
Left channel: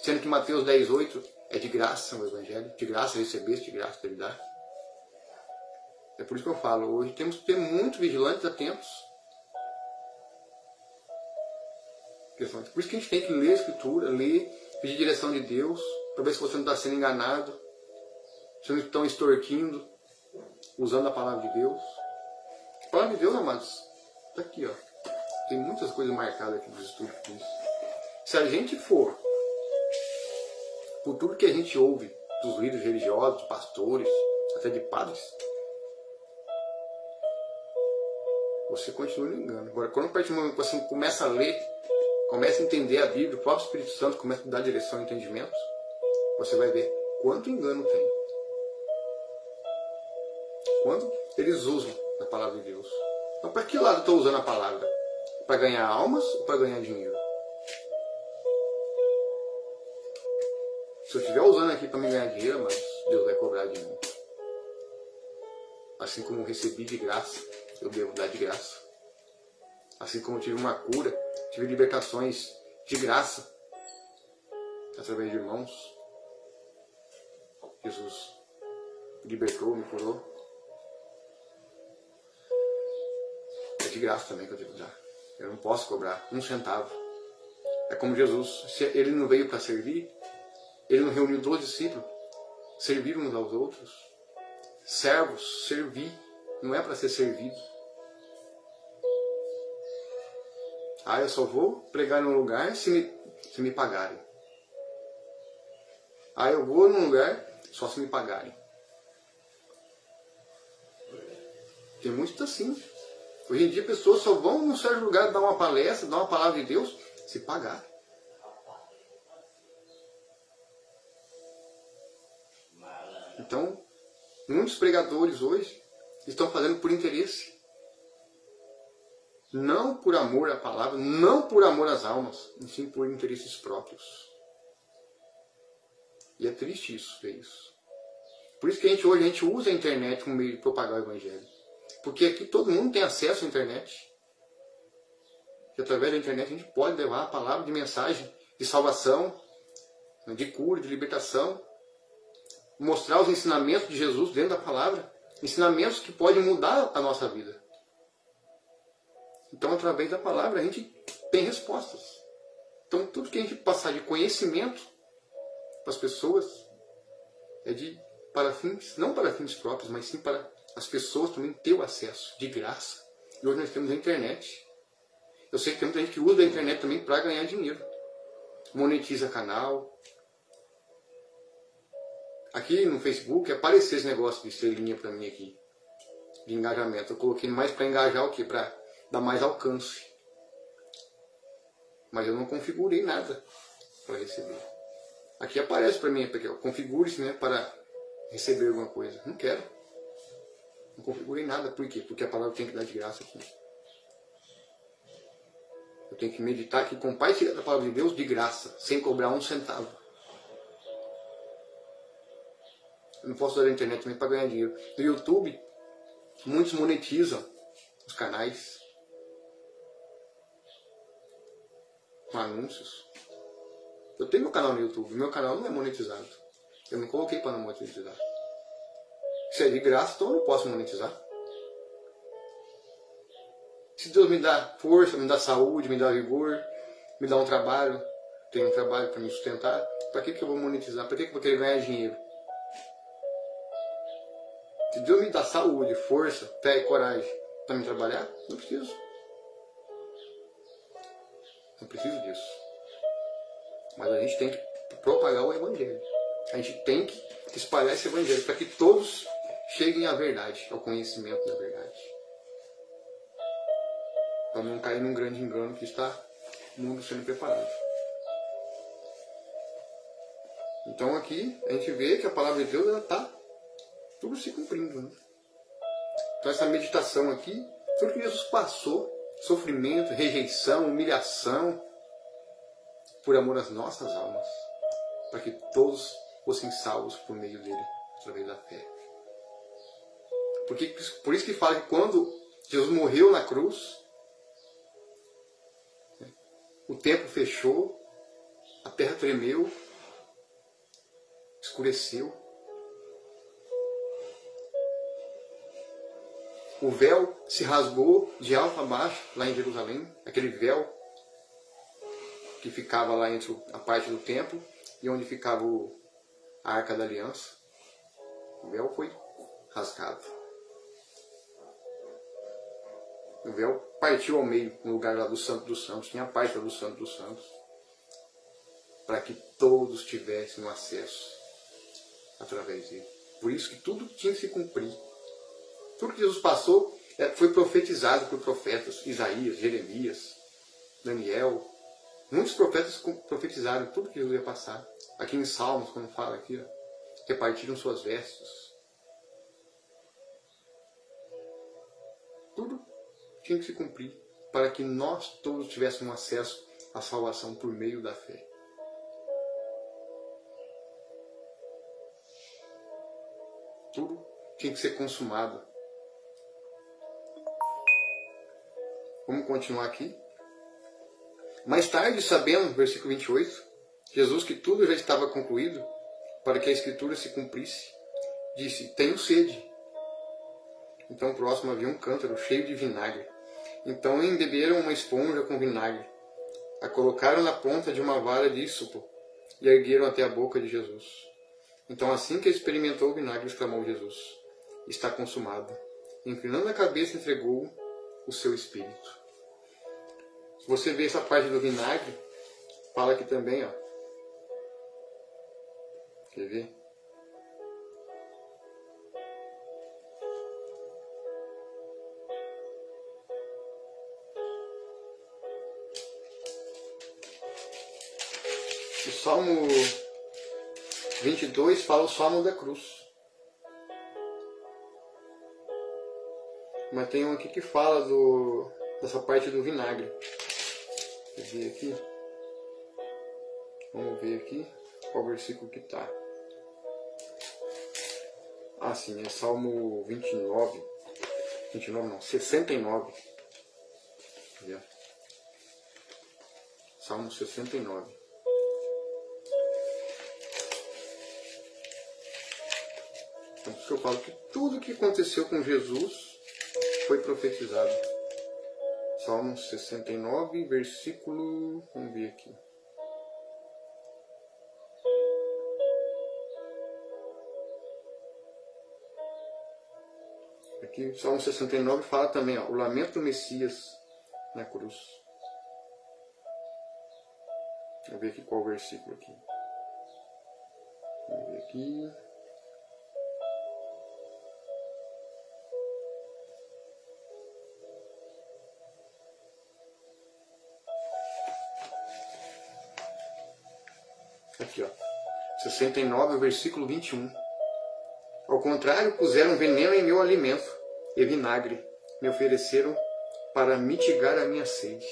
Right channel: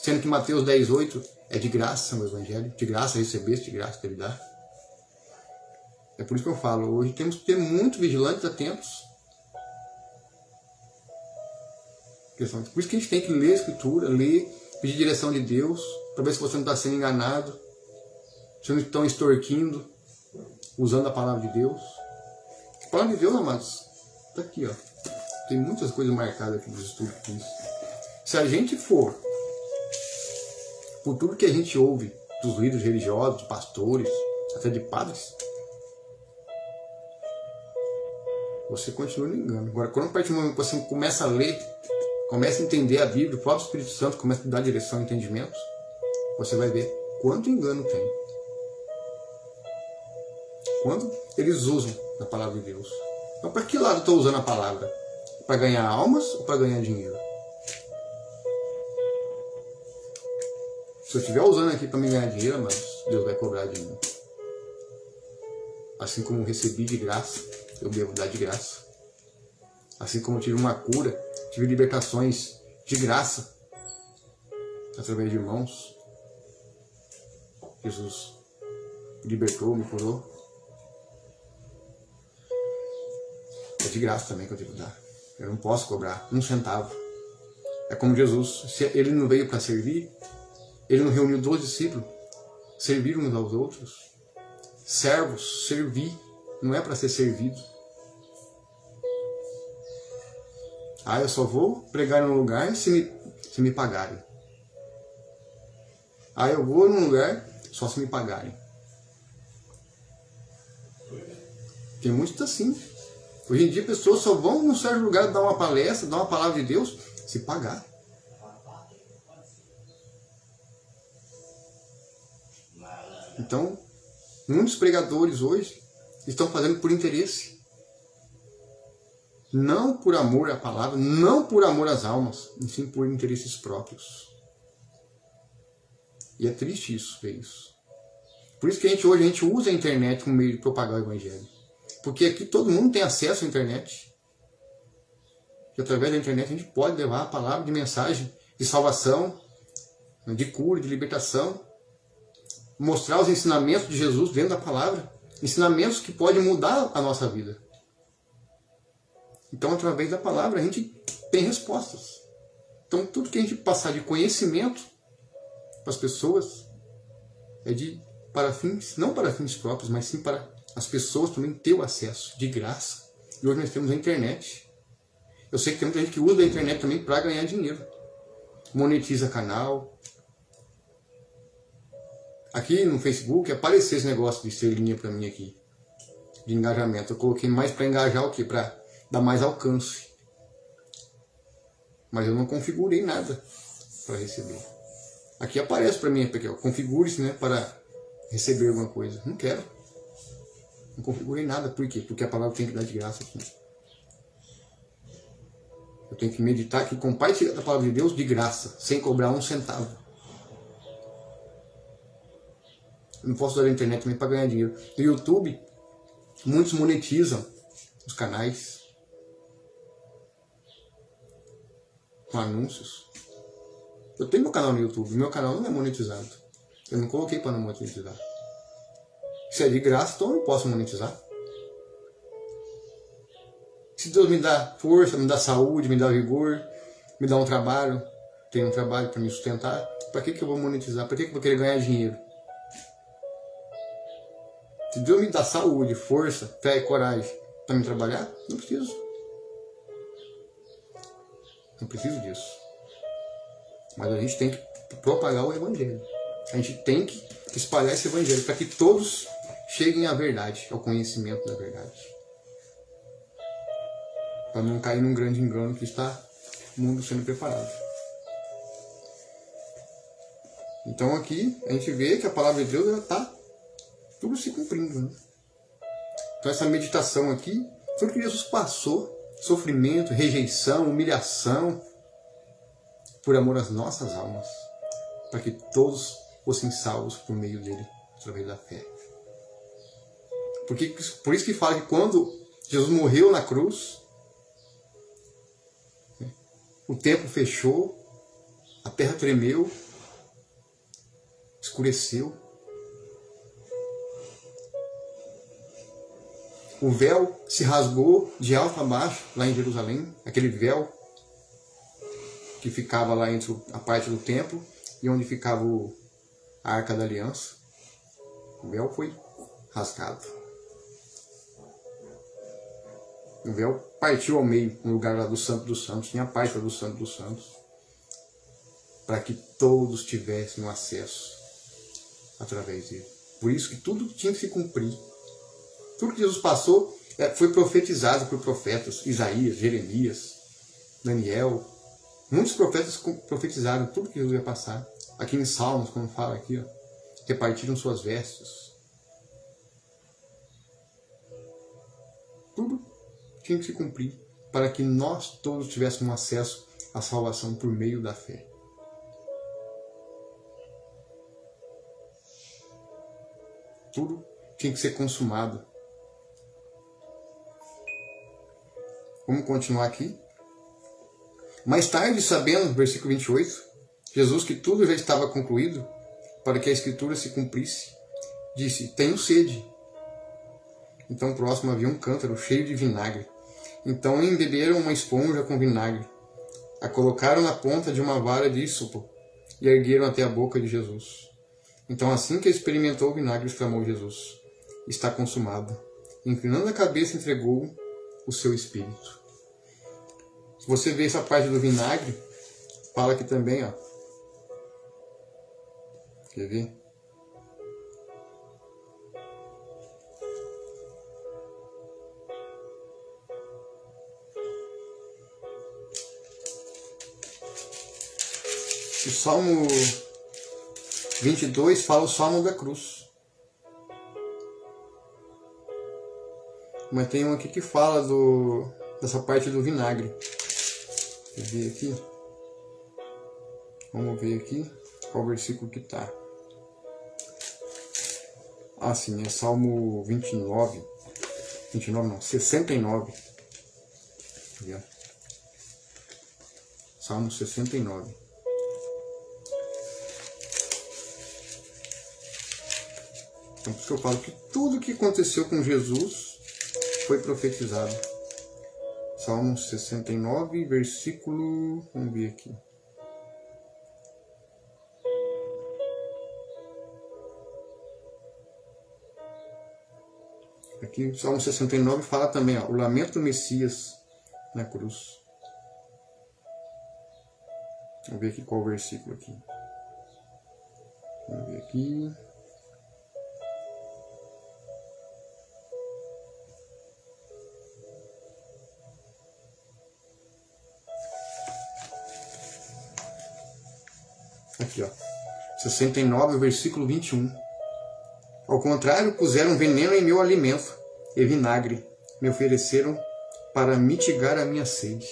Sendo que Mateus 10:8 é de graça o Evangelho, de graça recebeste, de graça deve dar. É por isso que eu falo, hoje temos que ter muito vigilantes, atentos. Por isso que a gente tem que ler a Escritura, ler, pedir direção de Deus, para ver se você não está sendo enganado, se não estão extorquindo, usando a palavra de Deus. A palavra de Deus, amados, está aqui, ó. Tem muitas coisas marcadas aqui nos estudos. Se a gente for por tudo que a gente ouve dos líderes religiosos, de pastores, até de padres, você continua no engano. Agora, quando a partir do momento que você começa a ler, começa a entender a Bíblia, o próprio Espírito Santo começa a dar direção e entendimento, você vai ver quanto engano tem. Quando eles usam a palavra de Deus. Então, para que lado eu estou usando a palavra? Para ganhar almas ou para ganhar dinheiro? Se eu estiver usando aqui para me ganhar dinheiro, mas Deus vai cobrar de mim. Assim como eu recebi de graça, eu devo dar de graça. Assim como eu tive uma cura, tive libertações de graça, através de irmãos. Jesus me libertou, me curou. É de graça também que eu devo dar. Eu não posso cobrar um centavo. É como Jesus, se ele não veio para servir, ele não reuniu 12 discípulos, servir uns aos outros. Servos, servir, não é para ser servido. Ah, eu só vou pregar num lugar se me pagarem. Ah, eu vou num lugar só se me pagarem. Tem muitos assim. Hoje em dia pessoas só vão num certo lugar dar uma palestra, dar uma palavra de Deus, se pagar. Então, muitos pregadores hoje estão fazendo por interesse. Não por amor à palavra, não por amor às almas, e sim por interesses próprios. E é triste isso, ver isso. Por isso que hoje a gente usa a internet como meio de propagar o Evangelho. Porque aqui todo mundo tem acesso à internet. E através da internet a gente pode levar a palavra de mensagem de salvação, de cura, de libertação. Mostrar os ensinamentos de Jesus dentro da palavra. Ensinamentos que podem mudar a nossa vida. Então, através da palavra, a gente tem respostas. Então, tudo que a gente passar de conhecimento para as pessoas é para fins, não para fins próprios, mas sim para as pessoas também ter o acesso de graça. E hoje nós temos a internet. Eu sei que tem muita gente que usa a internet também para ganhar dinheiro. Monetiza canal. Aqui no Facebook apareceu esse negócio de estrelinha para mim aqui. De engajamento. Eu coloquei mais para engajar o quê? Para dar mais alcance. Mas eu não configurei nada para receber. Aqui aparece para mim, porque configure-se, né, para receber alguma coisa. Não quero. Não configurei nada. Por quê? Porque a palavra tem que dar de graça aqui. Eu tenho que meditar aqui, compartilhar a palavra de Deus de graça, sem cobrar um centavo. Eu não posso usar a internet também para ganhar dinheiro. No YouTube, muitos monetizam os canais. com anúncios. Eu tenho meu canal no YouTube, meu canal não é monetizado. Eu não coloquei para não monetizar. Se é de graça, então eu não posso monetizar. Se Deus me dá força, me dá saúde, me dá vigor, me dá um trabalho, tem um trabalho para me sustentar, para que eu vou monetizar? Para que eu vou querer ganhar dinheiro? Se Deus me dá saúde, força, fé e coragem para me trabalhar, não preciso. Não preciso disso. Mas a gente tem que propagar o Evangelho. A gente tem que espalhar esse Evangelho para que todos cheguem à verdade, ao conhecimento da verdade. Para não cair num grande engano que está o mundo sendo preparado. Então aqui a gente vê que a palavra de Deus está tudo se cumprindo. Né? Então essa meditação aqui, tudo que Jesus passou, sofrimento, rejeição, humilhação, por amor às nossas almas, para que todos fossem salvos por meio dele, através da fé. Por isso que fala que quando Jesus morreu na cruz, o templo fechou, a terra tremeu, escureceu. O véu se rasgou de alto a baixo, lá em Jerusalém, aquele véu que ficava lá entre a parte do templo e onde ficava a Arca da Aliança. O véu foi rasgado. O véu partiu ao meio, no lugar lá do Santo dos Santos, tinha a parte do Santo dos Santos, para que todos tivessem acesso através dele. Por isso que tudo tinha que se cumprir. Tudo que Jesus passou foi profetizado por profetas, Isaías, Jeremias, Daniel. Muitos profetas profetizaram tudo que Jesus ia passar. Aqui em Salmos, quando fala aqui, repartiram suas vestes. Tudo tinha que se cumprir para que nós todos tivéssemos acesso à salvação por meio da fé. Tudo tinha que ser consumado. Vamos continuar aqui. Mais tarde, sabendo, versículo 28, Jesus, que tudo já estava concluído, para que a Escritura se cumprisse, disse: tenho sede. Então próximo havia um cântaro cheio de vinagre. Então embeberam uma esponja com vinagre, a colocaram na ponta de uma vara de hisopo e ergueram até a boca de Jesus. Então, assim que experimentou o vinagre, exclamou Jesus: está consumado. Inclinando a cabeça, entregou o seu espírito. Se você vê essa parte do vinagre, fala aqui também, ó. Quer ver? O Salmo 22 fala o Salmo da cruz. Mas tem um aqui que fala dessa parte do vinagre. Quer ver aqui? Vamos ver aqui qual versículo que está. Ah, sim, é Salmo 29. 29 não, 69. Quer ver? Salmo 69. Então, por isso que eu falo que tudo que aconteceu com Jesus foi profetizado. Salmo 69, versículo... Vamos ver aqui. Aqui, Salmo 69 fala também, ó, o lamento do Messias na cruz. Vamos ver aqui qual o versículo aqui. Vamos ver aqui. Aqui, ó. 69, versículo 21. Ao contrário, puseram veneno em meu alimento e vinagre me ofereceram para mitigar a minha sede.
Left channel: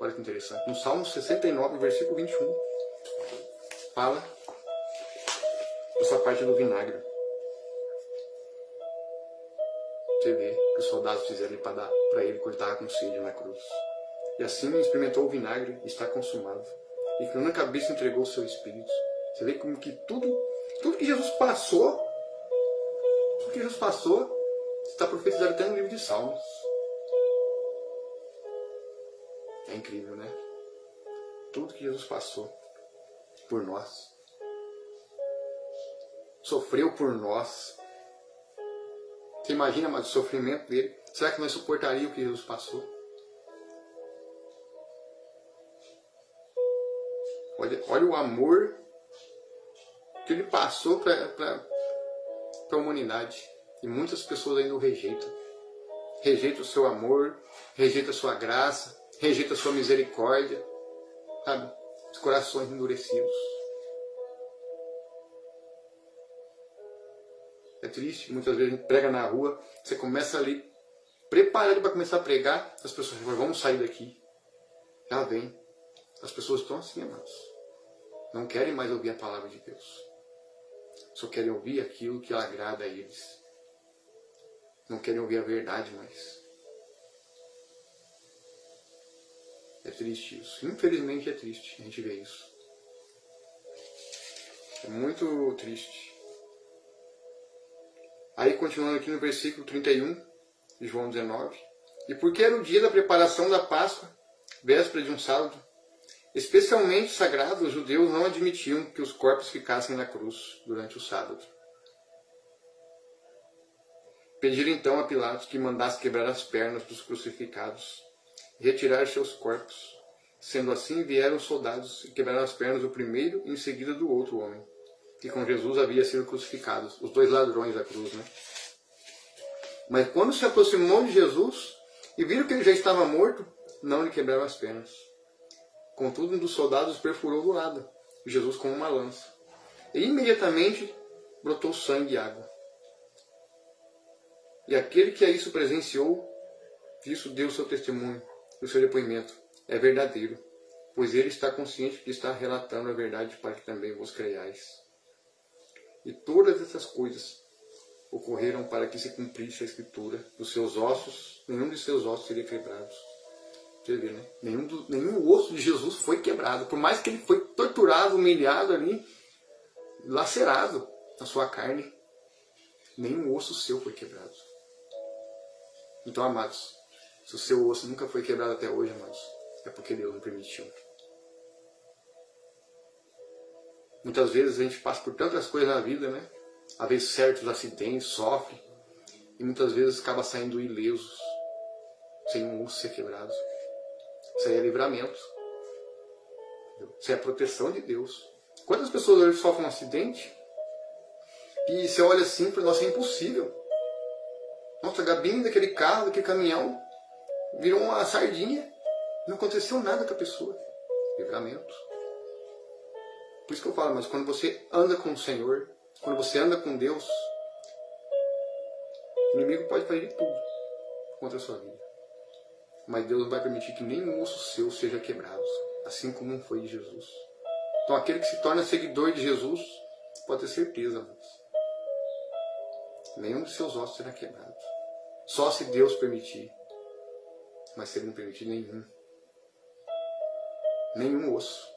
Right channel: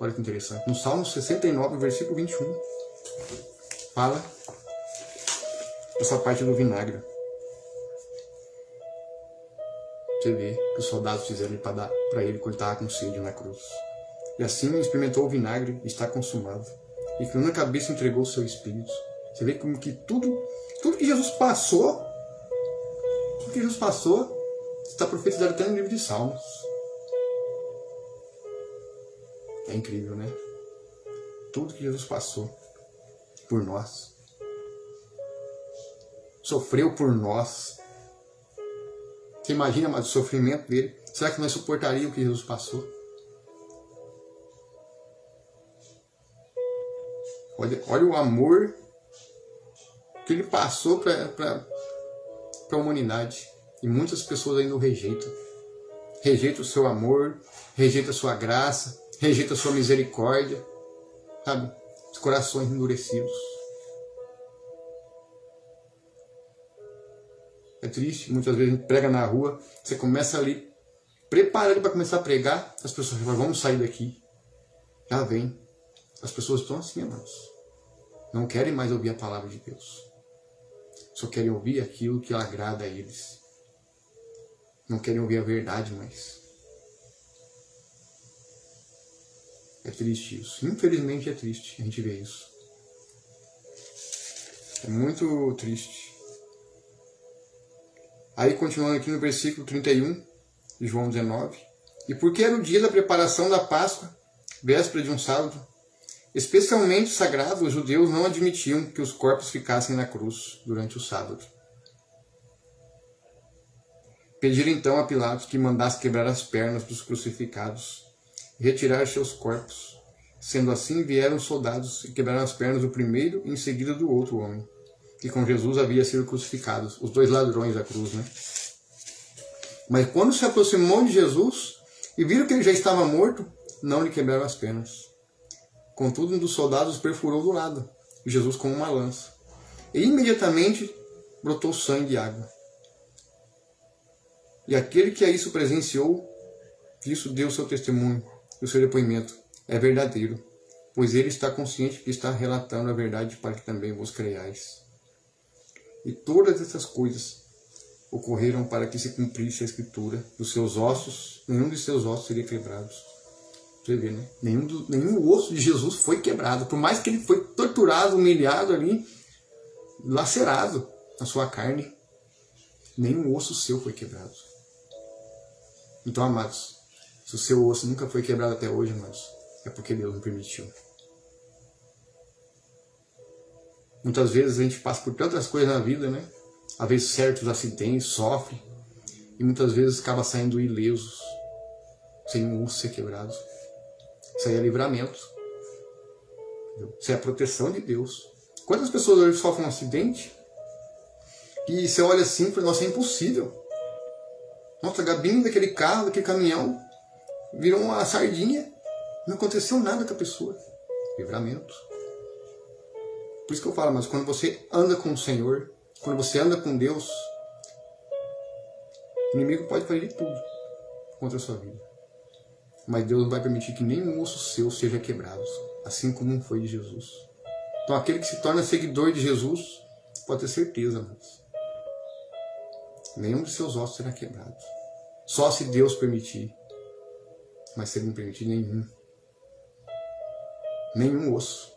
Olha que interessante. No Salmo 69, versículo 21, fala essa parte do vinagre. Você vê que os soldados fizeram para ele quando estava com sede na cruz. E assim experimentou o vinagre e está consumado. E que na cabeça entregou o seu espírito. Você vê como que tudo que Jesus passou, está profetizado até no livro de Salmos. É incrível, né? Tudo que Jesus passou por nós. Sofreu por nós. Você imagina, mas o sofrimento dele? Será que nós suportaríamos o que Jesus passou? Olha o amor que ele passou para a humanidade. E muitas pessoas ainda o rejeitam. Rejeitam o seu amor, rejeitam a sua graça, rejeitam a sua misericórdia. Sabe? Os corações endurecidos. É triste, muitas vezes a gente prega na rua, você começa ali, prepara para começar a pregar, as pessoas falam, vamos sair daqui. Já vem. As pessoas estão assim, amados. Não querem mais ouvir a palavra de Deus. Só querem ouvir aquilo que agrada a eles. Não querem ouvir a verdade mais. É triste isso. Infelizmente é triste a gente ver isso. É muito triste. Aí continuando aqui no versículo 31 de João 19. E porque era o dia da preparação da Páscoa, véspera de um sábado, especialmente sagrado, os judeus não admitiam que os corpos ficassem na cruz durante o sábado. Pediram então a Pilatos que mandasse quebrar as pernas dos crucificados e retirar seus corpos. Sendo assim, vieram os soldados e quebraram as pernas do primeiro e em seguida do outro homem, que com Jesus havia sido crucificado. Os dois ladrões da cruz, né? Mas quando se aproximou de Jesus e viram que ele já estava morto, não lhe quebraram as pernas. Contudo, um dos soldados perfurou do lado, Jesus com uma lança. E imediatamente brotou sangue e água. E aquele que a isso presenciou, isso deu seu testemunho, o seu depoimento. É verdadeiro, pois ele está consciente que está relatando a verdade para que também vos creiais. E todas essas coisas ocorreram para que se cumprisse a escritura. Dos seus ossos, nenhum de seus ossos seria quebrado. Você vê, né? Nenhum osso de Jesus foi quebrado. Por mais que ele foi torturado, humilhado ali, lacerado na sua carne, nenhum osso seu foi quebrado. Então, amados, se o seu osso nunca foi quebrado até hoje, amados, é porque Deus não permitiu. Muitas vezes a gente passa por tantas coisas na vida, né? Às vezes certos acidentes, sofre, e muitas vezes acaba saindo ilesos, sem um osso ser quebrado. Isso aí é livramento. Isso é a proteção de Deus. Quantas pessoas hoje sofrem um acidente e você olha assim e fala, nossa, é impossível. Nossa, a gabine daquele carro, daquele caminhão, virou uma sardinha. Não aconteceu nada com a pessoa. Livramento. Por isso que eu falo, mas quando você anda com o Senhor, quando você anda com Deus, o inimigo pode fazer de tudo contra a sua vida. Mas Deus não vai permitir que nenhum osso seu seja quebrado, assim como foi de Jesus. Então aquele que se torna seguidor de Jesus, pode ter certeza, mas nenhum de seus ossos será quebrado. Só se Deus permitir. Mas se Ele não permitir, nenhum osso.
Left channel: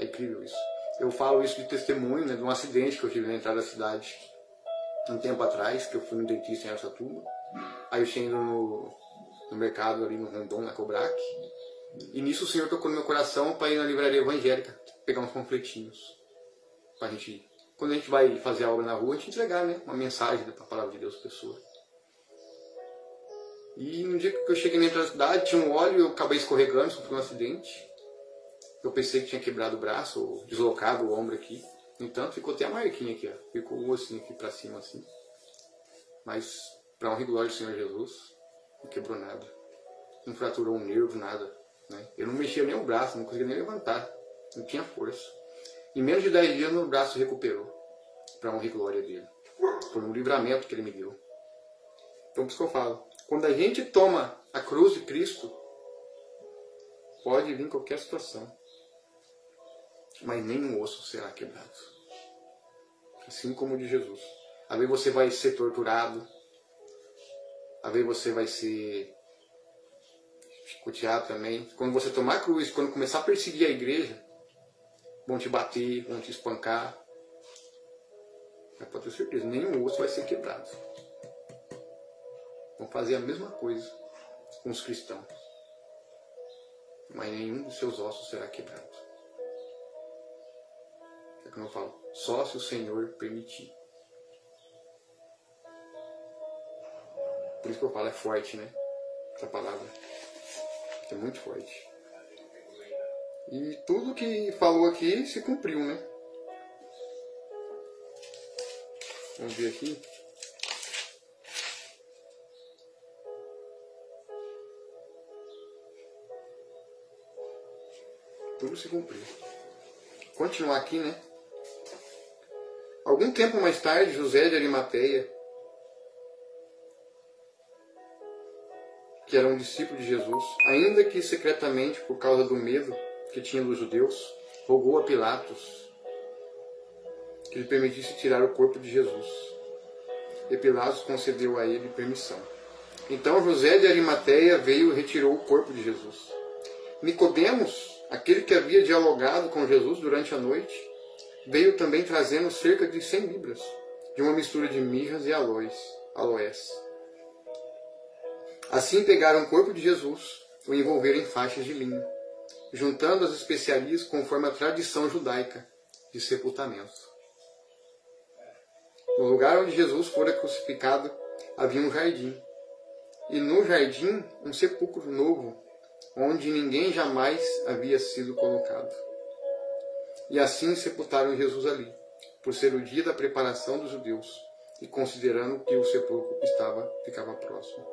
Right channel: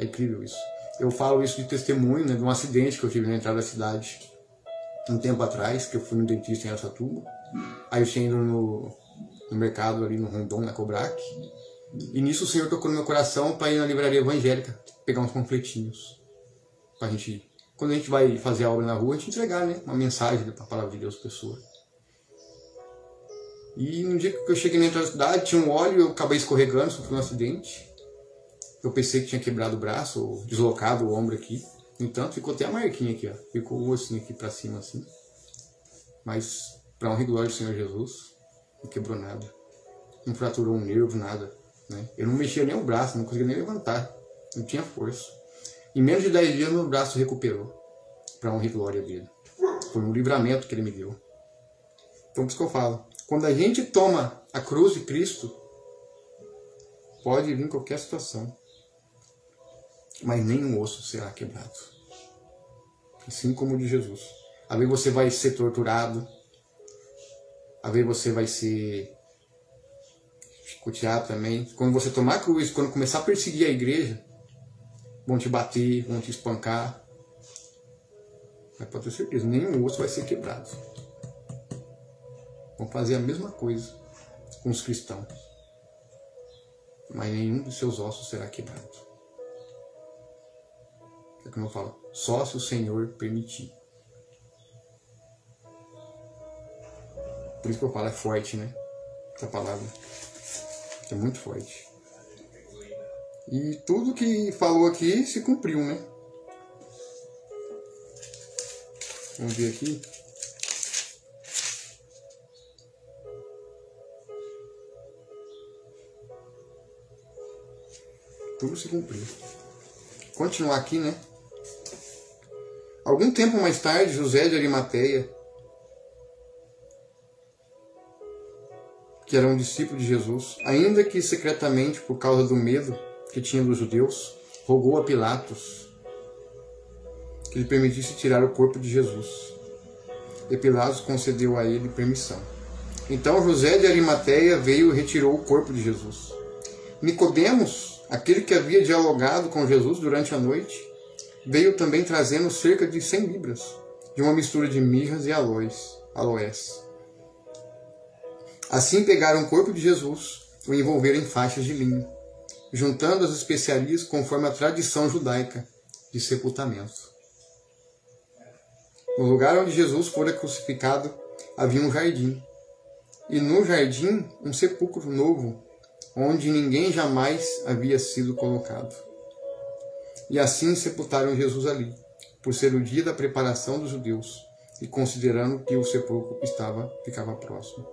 É incrível isso. Eu falo isso de testemunho, né, de um acidente que eu tive na entrada da cidade um tempo atrás, que eu fui no dentista em Araçatuba. Aí eu tinha ido no mercado ali no Rondon, na Cobrac. E nisso o Senhor tocou no meu coração para ir na livraria evangélica, pegar uns panfletinhos. Pra gente, quando a gente vai fazer a obra na rua, a gente entregar, né, uma mensagem da palavra de Deus para a pessoa. E no dia que eu cheguei na entrada da cidade, tinha um óleo, eu acabei escorregando, sofri um acidente. Eu pensei que tinha quebrado o braço, ou deslocado o ombro aqui. No entanto, ficou até a marquinha aqui, ó. Ficou o ossinho aqui pra cima, assim. Mas, para honra e glória do Senhor Jesus, não quebrou nada. Não fraturou um nervo, nada. Né? Eu não mexia nem o braço, não conseguia nem levantar. Não tinha força. Em menos de 10 dias, meu braço recuperou. Para honra e glória dele. Foi um livramento que ele me deu. Então, por isso que eu falo. Quando a gente toma a cruz de Cristo, pode vir qualquer situação. Mas nenhum osso será quebrado. Assim como o de Jesus. Às vezes você vai ser torturado. Às vezes você vai ser chicotear também. Quando você tomar cruz, quando começar a perseguir a igreja, vão te bater, vão te espancar. Mas pode ter certeza, nenhum osso vai ser quebrado. Vão fazer a mesma coisa com os cristãos. Mas nenhum dos seus ossos será quebrado. É como eu falo, só se o Senhor permitir. Por isso que eu falo, é forte, né? Essa palavra. É muito forte. E tudo que falou aqui se cumpriu, né? Vamos ver aqui. Tudo se cumpriu. Continuar aqui, né? Algum tempo mais tarde, José de Arimateia, que era um discípulo de Jesus, ainda que secretamente por causa do medo que tinha dos judeus, rogou a Pilatos que lhe permitisse tirar o corpo de Jesus. E Pilatos concedeu a ele permissão. Então José de Arimateia veio e retirou o corpo de Jesus. Nicodemos, aquele que havia dialogado com Jesus durante a noite, veio também trazendo cerca de 100 libras, de uma mistura de mirras e aloés. Assim pegaram o corpo de Jesus, o envolveram em faixas de linho, juntando as especiarias conforme a tradição judaica de sepultamento. No lugar onde Jesus fora crucificado havia um jardim, e no jardim um sepulcro novo, onde ninguém jamais havia sido colocado. E assim sepultaram Jesus ali, por ser o dia da preparação dos judeus, e considerando que o sepulcro ficava próximo.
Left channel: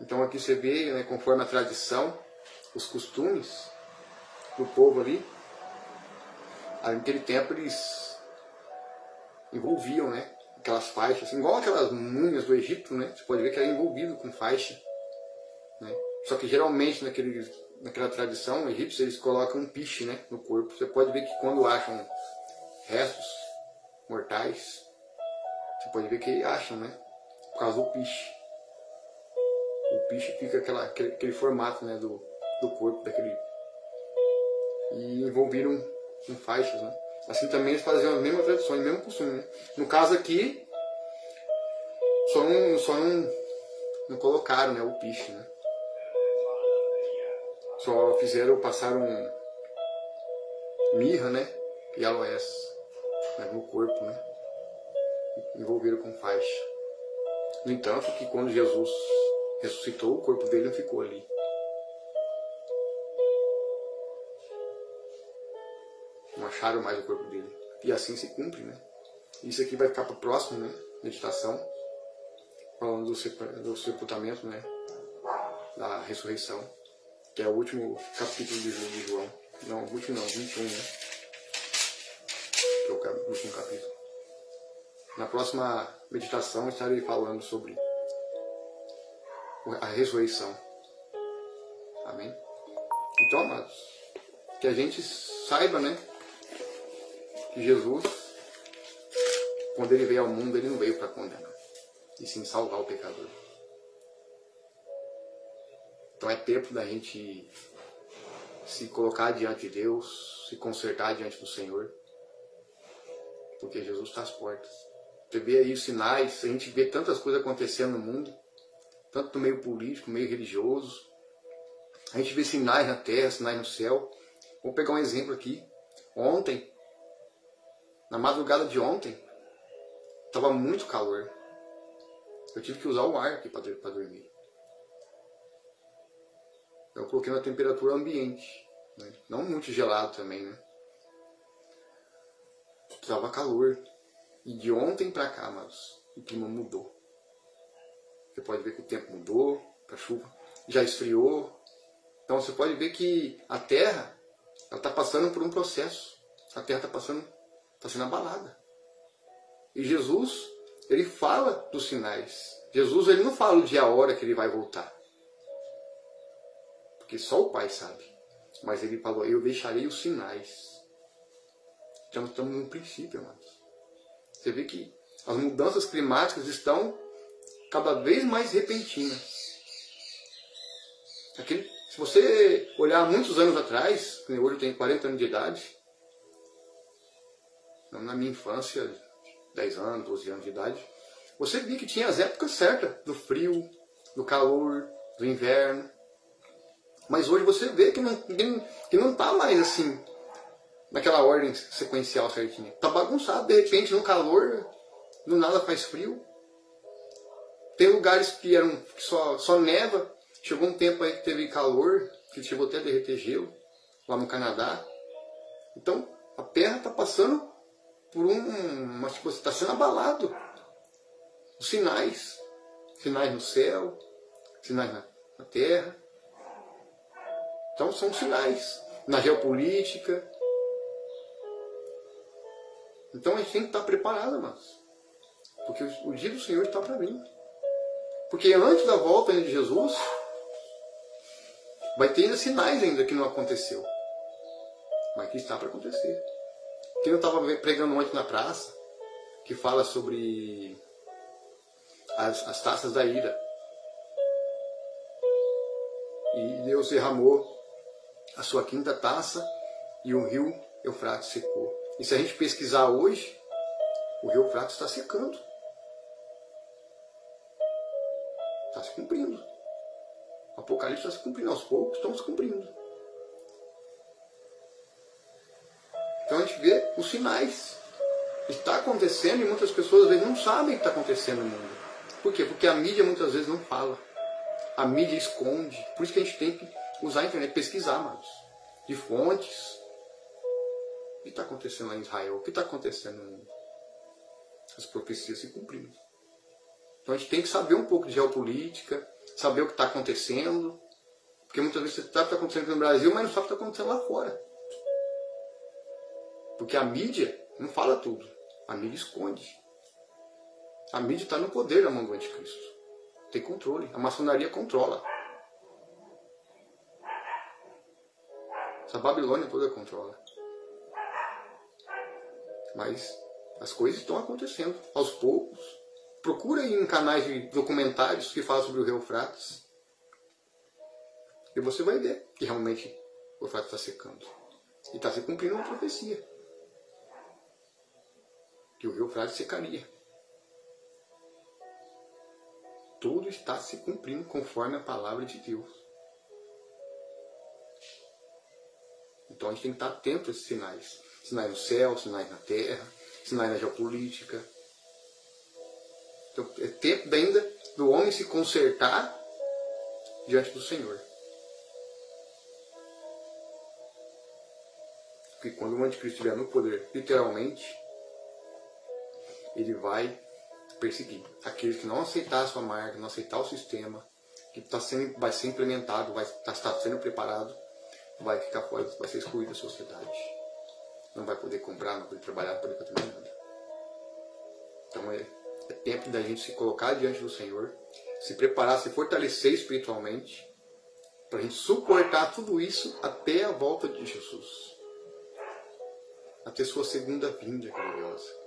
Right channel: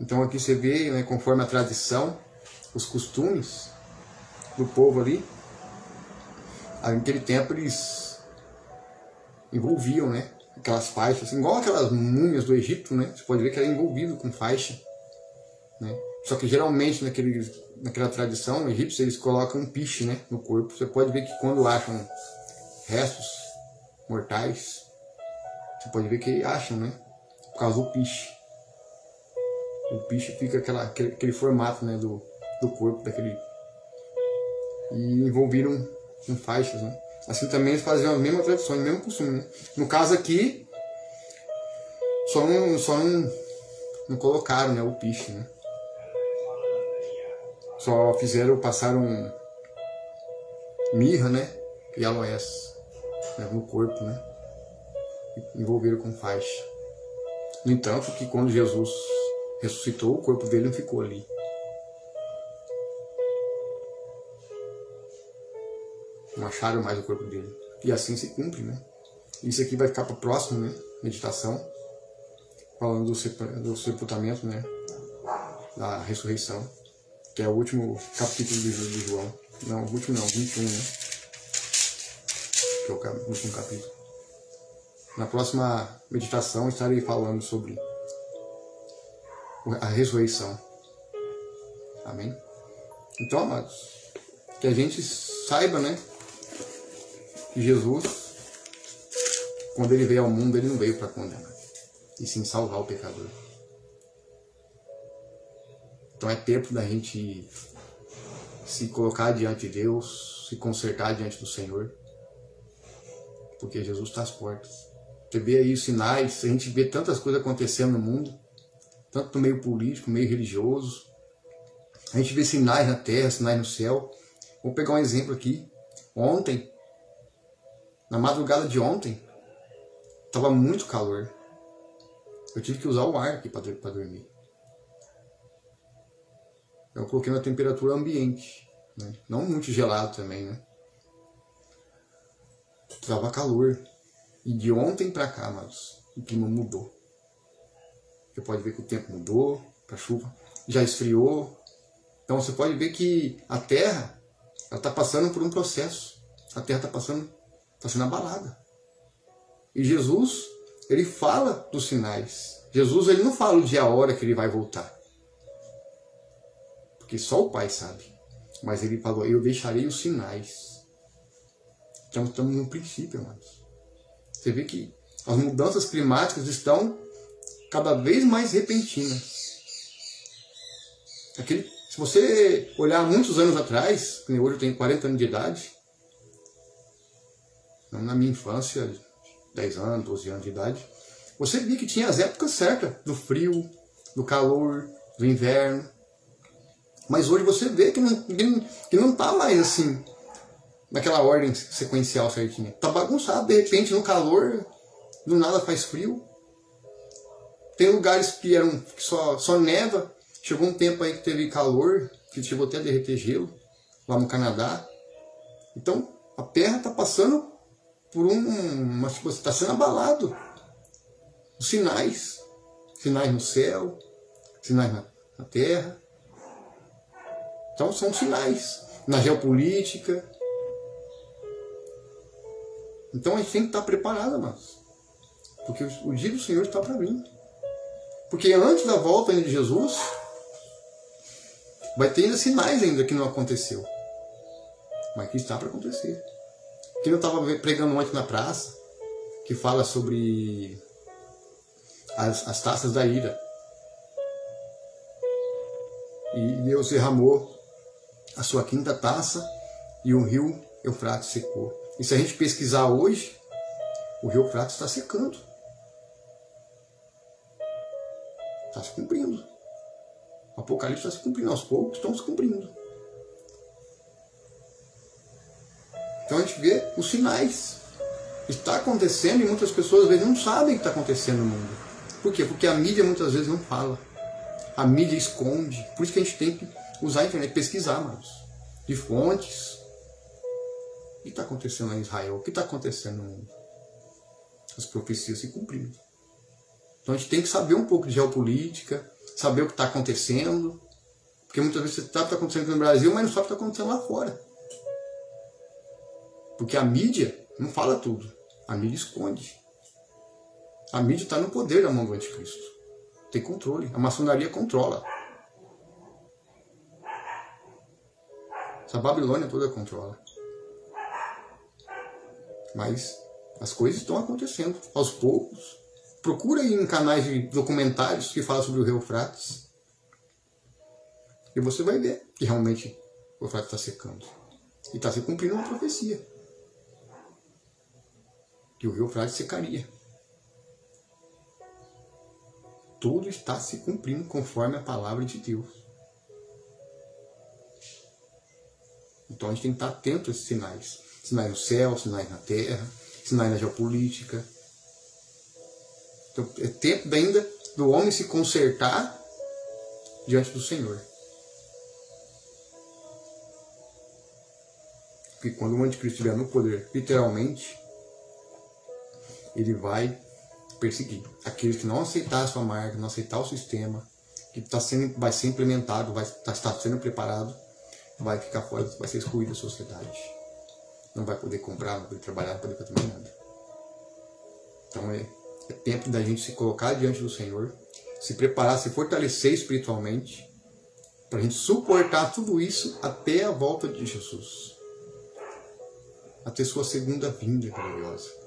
Então aqui você vê, né, conforme a tradição, os costumes do povo ali, naquele tempo eles envolviam, né, aquelas faixas, assim, igual aquelas múmias do Egito, né, você pode ver que era envolvido com faixa, né? Só que geralmente naquela tradição egípcia eles colocam um piche, né, no corpo. Você pode ver que quando acham restos mortais, você pode ver que acham, né, por causa do piche. O piche fica aquele formato, né, do corpo daquele. E envolviram com faixas, né? Assim também eles faziam a mesma tradição, o mesmo costume, né? No caso aqui, só não colocaram, né, o piche, né? Só passaram mirra, né, e aloés, né, no corpo, né? Envolveram com faixa. No entanto, que quando Jesus ressuscitou, o corpo dele não ficou ali. Não acharam mais o corpo dele. E assim se cumpre, né? Isso aqui vai ficar para o próximo, né? Meditação. Falando do sepultamento, né? Da ressurreição. Que é o último capítulo de João. Não, o último não, 21, né? Que é o último capítulo. Na próxima meditação estarei falando sobre a ressurreição. Amém? Então, amados, que a gente saiba, né, que Jesus, quando ele veio ao mundo, ele não veio para condenar, e sim salvar o pecador. Então é tempo da gente se colocar diante de Deus, se consertar diante do Senhor, porque Jesus está às portas. Você vê aí os sinais, a gente vê tantas coisas acontecendo no mundo, tanto no meio político, no meio religioso. A gente vê sinais na terra, sinais no céu. Vou pegar um exemplo aqui. Ontem, na madrugada de ontem, estava muito calor. Eu tive que usar o ar aqui para dormir. Eu coloquei na temperatura ambiente, né? Não muito gelado também, né? Estava calor. E de ontem para cá, mas o clima mudou. Você pode ver que o tempo mudou, a chuva já esfriou. Então você pode ver que a Terra está passando por um processo. A Terra está sendo abalada. E Jesus, ele fala dos sinais. Jesus, ele não fala o dia e a hora que ele vai voltar. Porque só o Pai sabe. Mas ele falou, eu deixarei os sinais. Então estamos no princípio, amados. Você vê que as mudanças climáticas estão cada vez mais repentinas. Se você olhar muitos anos atrás, hoje eu tenho 40 anos de idade, não na minha infância, 10 anos, 12 anos de idade, você via que tinha as épocas certas, do frio, do calor, do inverno. Mas hoje você vê que não está mais assim, naquela ordem sequencial certinha. Está bagunçado, de repente no calor, do nada faz frio. Tem lugares que só neva. Chegou um tempo aí que teve calor, que chegou até a derreter gelo, lá no Canadá. Então, a Terra está passando por está sendo abalado. Os sinais no céu, sinais na Terra. Então, são sinais na geopolítica. Então, a gente tem que estar preparado, amados. Porque o dia do Senhor está para vir. Porque antes da volta de Jesus, vai ter ainda sinais ainda que não aconteceu. Mas que está para acontecer. Que eu estava pregando ontem na praça, que fala sobre as taças da ira. E Deus derramou a sua quinta taça e o rio Eufrates secou. E se a gente pesquisar hoje, o rio Eufrates está secando. Está se cumprindo. O Apocalipse está se cumprindo. Aos poucos estão se cumprindo. Então a gente vê os sinais. Está acontecendo e muitas pessoas às vezes não sabem o que está acontecendo no mundo. Por quê? Porque a mídia muitas vezes não fala. A mídia esconde. Por isso que a gente tem que usar a internet, pesquisar, mas de fontes. O que está acontecendo em Israel? O que está acontecendo no mundo? As profecias se cumprindo. Então a gente tem que saber um pouco de geopolítica, saber o que está acontecendo. Porque muitas vezes você sabe o que está acontecendo no Brasil, mas não sabe o que está acontecendo lá fora. Porque a mídia não fala tudo. A mídia esconde. A mídia está no poder da mão do anticristo. Tem controle. A maçonaria controla. Essa Babilônia toda controla. Mas as coisas estão acontecendo aos poucos. Procura aí em canais de documentários que falam sobre o rio Eufrates. E você vai ver que realmente o Eufrates está secando. E está se cumprindo uma profecia. Que o rio Eufrates secaria. Tudo está se cumprindo conforme a palavra de Deus. Então a gente tem que estar atento a esses sinais. Sinais no céu, sinais na terra, sinais na geopolítica. Então é tempo ainda do homem se consertar diante do Senhor. Porque quando o anticristo estiver no poder, literalmente, ele vai perseguir aqueles que não aceitar a sua marca, não aceitar o sistema, que vai ser implementado, está sendo preparado, vai ficar fora, vai ser excluído da sociedade. Não vai poder comprar, não vai poder trabalhar, não vai poder fazer nada. Então é tempo da gente se colocar diante do Senhor, se preparar, se fortalecer espiritualmente, para a gente suportar tudo isso até a volta de Jesus. Até sua segunda vinda gloriosa.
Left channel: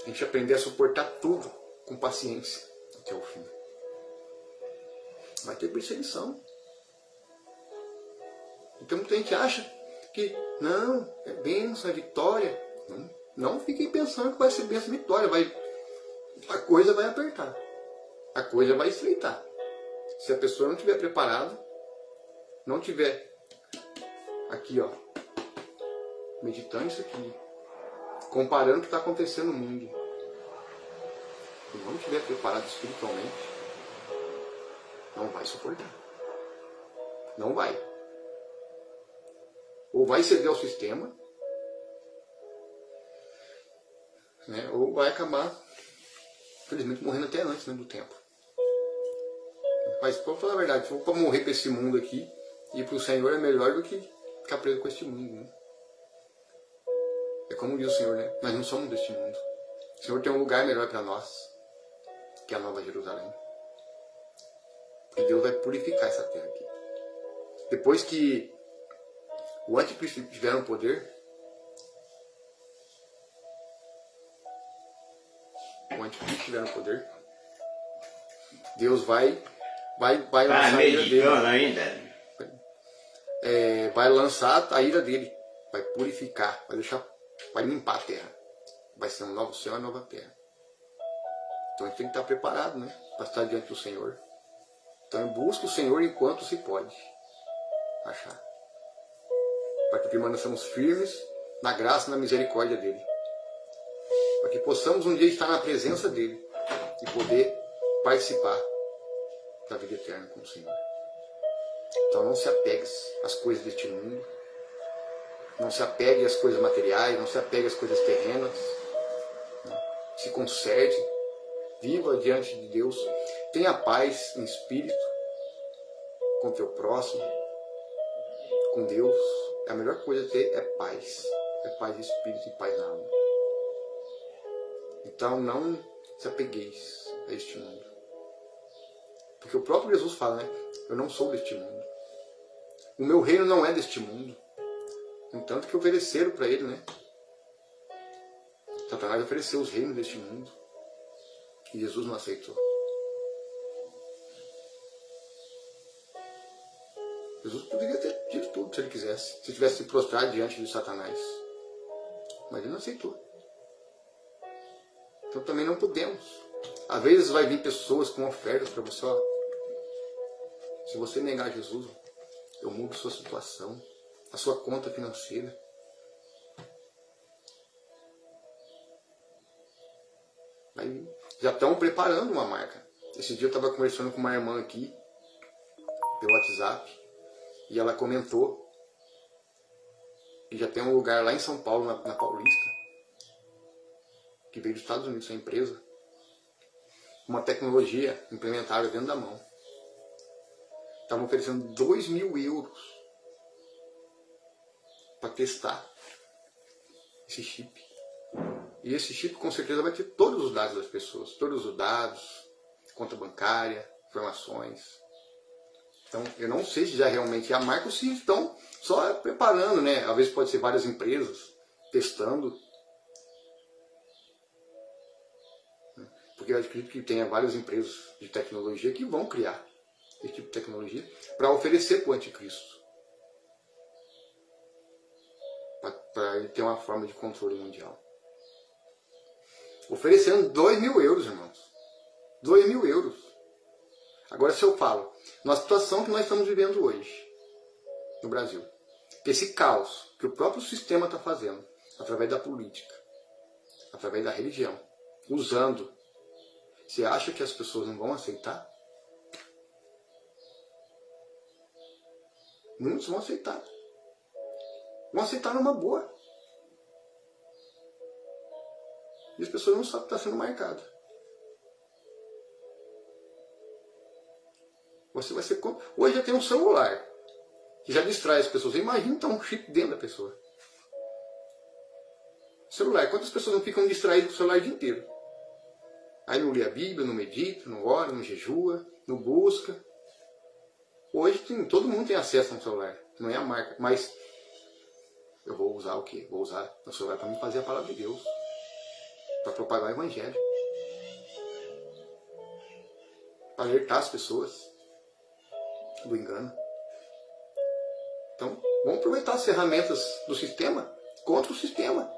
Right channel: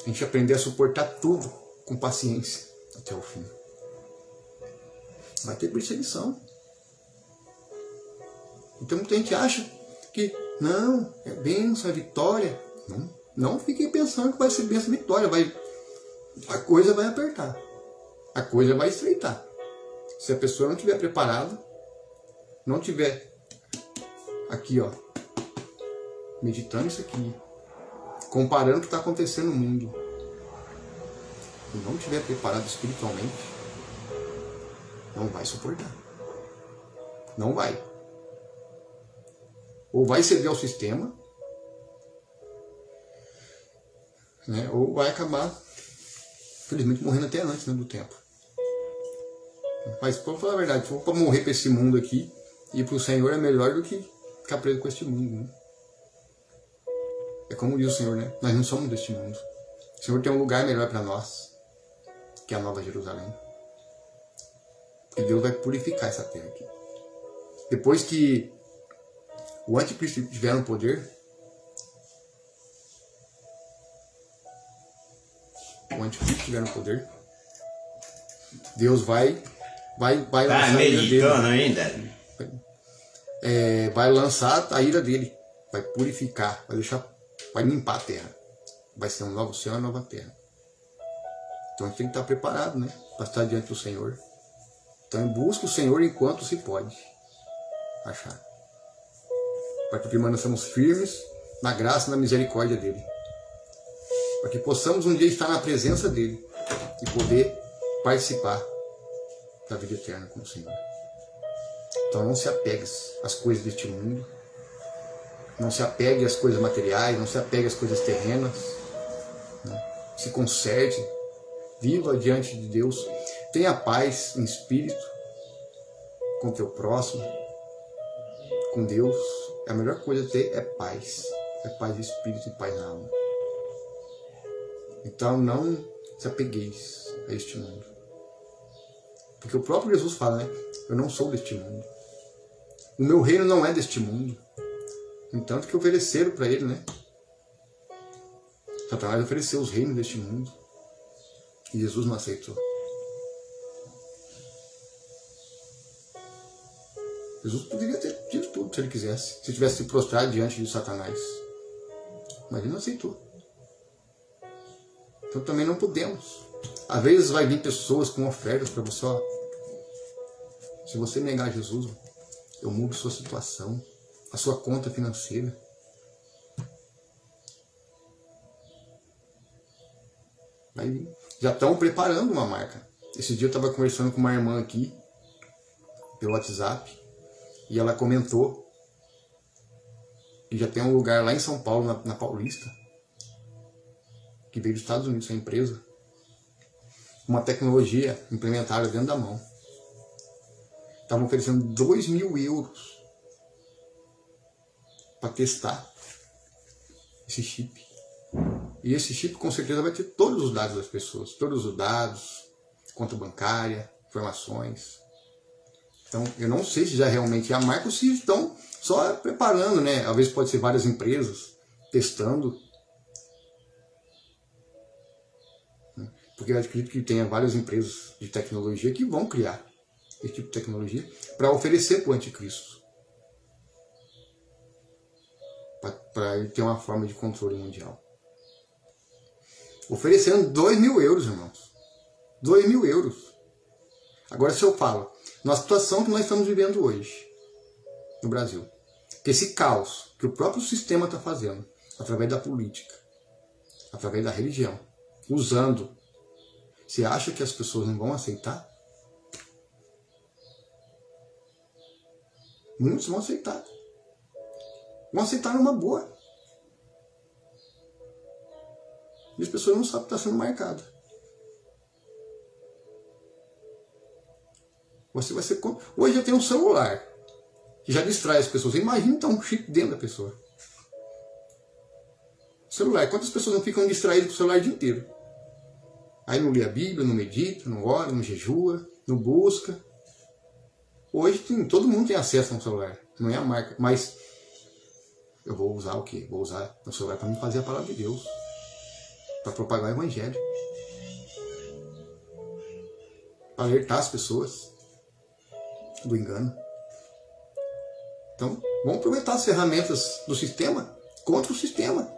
A gente aprender a suportar tudo com paciência até o fim. Vai ter perseguição. Então muita gente acha que não, é bênção, é vitória. Não fiquem pensando que vai ser bênção, vitória. A coisa vai apertar. A coisa vai estreitar. Se a pessoa não estiver preparada, não estiver aqui, ó, meditando isso aqui, comparando o que está acontecendo no mundo, e não estiver preparado espiritualmente, não vai suportar. Não vai. Ou vai ceder ao sistema, né, ou vai acabar, infelizmente, morrendo até antes, né, do tempo. Mas, para falar a verdade, se for para morrer para esse mundo aqui, ir para o Senhor é melhor do que ficar preso com este mundo. Né? É como diz o Senhor, né? Nós não somos deste mundo. O Senhor tem um lugar melhor para nós, que é a Nova Jerusalém. E Deus vai purificar essa terra aqui. Depois que o anticristo estiver no poder, Deus vai vai lançar a ira dele. Ainda. Vai lançar a ira dele, vai purificar, vai limpar a terra. Vai ser um novo céu e uma nova terra. Então a gente tem que estar preparado, né? Para estar diante do Senhor. Então busca o Senhor enquanto se pode achar. Para que permaneçamos firmes na graça e na misericórdia dele. Para que possamos um dia estar na presença dele e poder participar da vida eterna com o Senhor. Então não se apegue às coisas deste mundo. Não se apegue às coisas materiais, não se apegue às coisas terrenas. Se conserte, viva diante de Deus, tenha paz em espírito com o teu próximo, com Deus. A melhor coisa a ter é paz de espírito e paz na alma. Então não se apegueis a este mundo, porque o próprio Jesus fala, né? Eu não sou deste mundo, o meu reino não é deste mundo. Entanto que ofereceram para ele, né? Satanás ofereceu os reinos deste mundo e Jesus não aceitou. Jesus poderia ter dito tudo se ele quisesse, se tivesse se prostrado diante de Satanás, mas ele não aceitou. Então também não podemos. Às vezes vai vir pessoas com ofertas para você, ó, se você negar Jesus, eu mudo sua situação, a sua conta financeira. Aí já estão preparando uma marca. Esse dia eu estava conversando com uma irmã aqui, pelo WhatsApp, e ela comentou que já tem um lugar lá em São Paulo, na Paulista, que veio dos Estados Unidos, essa empresa, uma tecnologia implementada dentro da mão. Estavam oferecendo 2.000 euros para testar esse chip. E esse chip com certeza vai ter todos os dados das pessoas, todos os dados, conta bancária, informações. Então eu não sei se já realmente é a marca ou se estão só preparando, né? Às vezes pode ser várias empresas testando. Porque eu acredito que tenha várias empresas de tecnologia que vão criar esse tipo de tecnologia para oferecer para o anticristo. Para ele ter uma forma de controle mundial. Oferecendo 2.000 euros, irmãos. 2.000 euros. Agora se eu falo, na situação que nós estamos vivendo hoje, no Brasil, que esse caos que o próprio sistema está fazendo, através da política, através da religião, usando, você acha que as pessoas não vão aceitar? Muitos vão aceitar. Vão aceitar numa boa. E as pessoas não sabem que está sendo marcado. Você vai ser... Hoje já tem um celular que já distrai as pessoas. Você imagina então um chip dentro da pessoa. Celular. Quantas pessoas não ficam distraídas com o celular o dia inteiro? Aí não lê a Bíblia, não medita, não ora, não jejua, não busca. Hoje todo mundo tem acesso a um celular. Não é a marca. Mas eu vou usar o quê? Vou usar o celular para me fazer a palavra de Deus. Para propagar o Evangelho. Para alertar as pessoas do engano. Então, vamos aproveitar as ferramentas do sistema contra o sistema.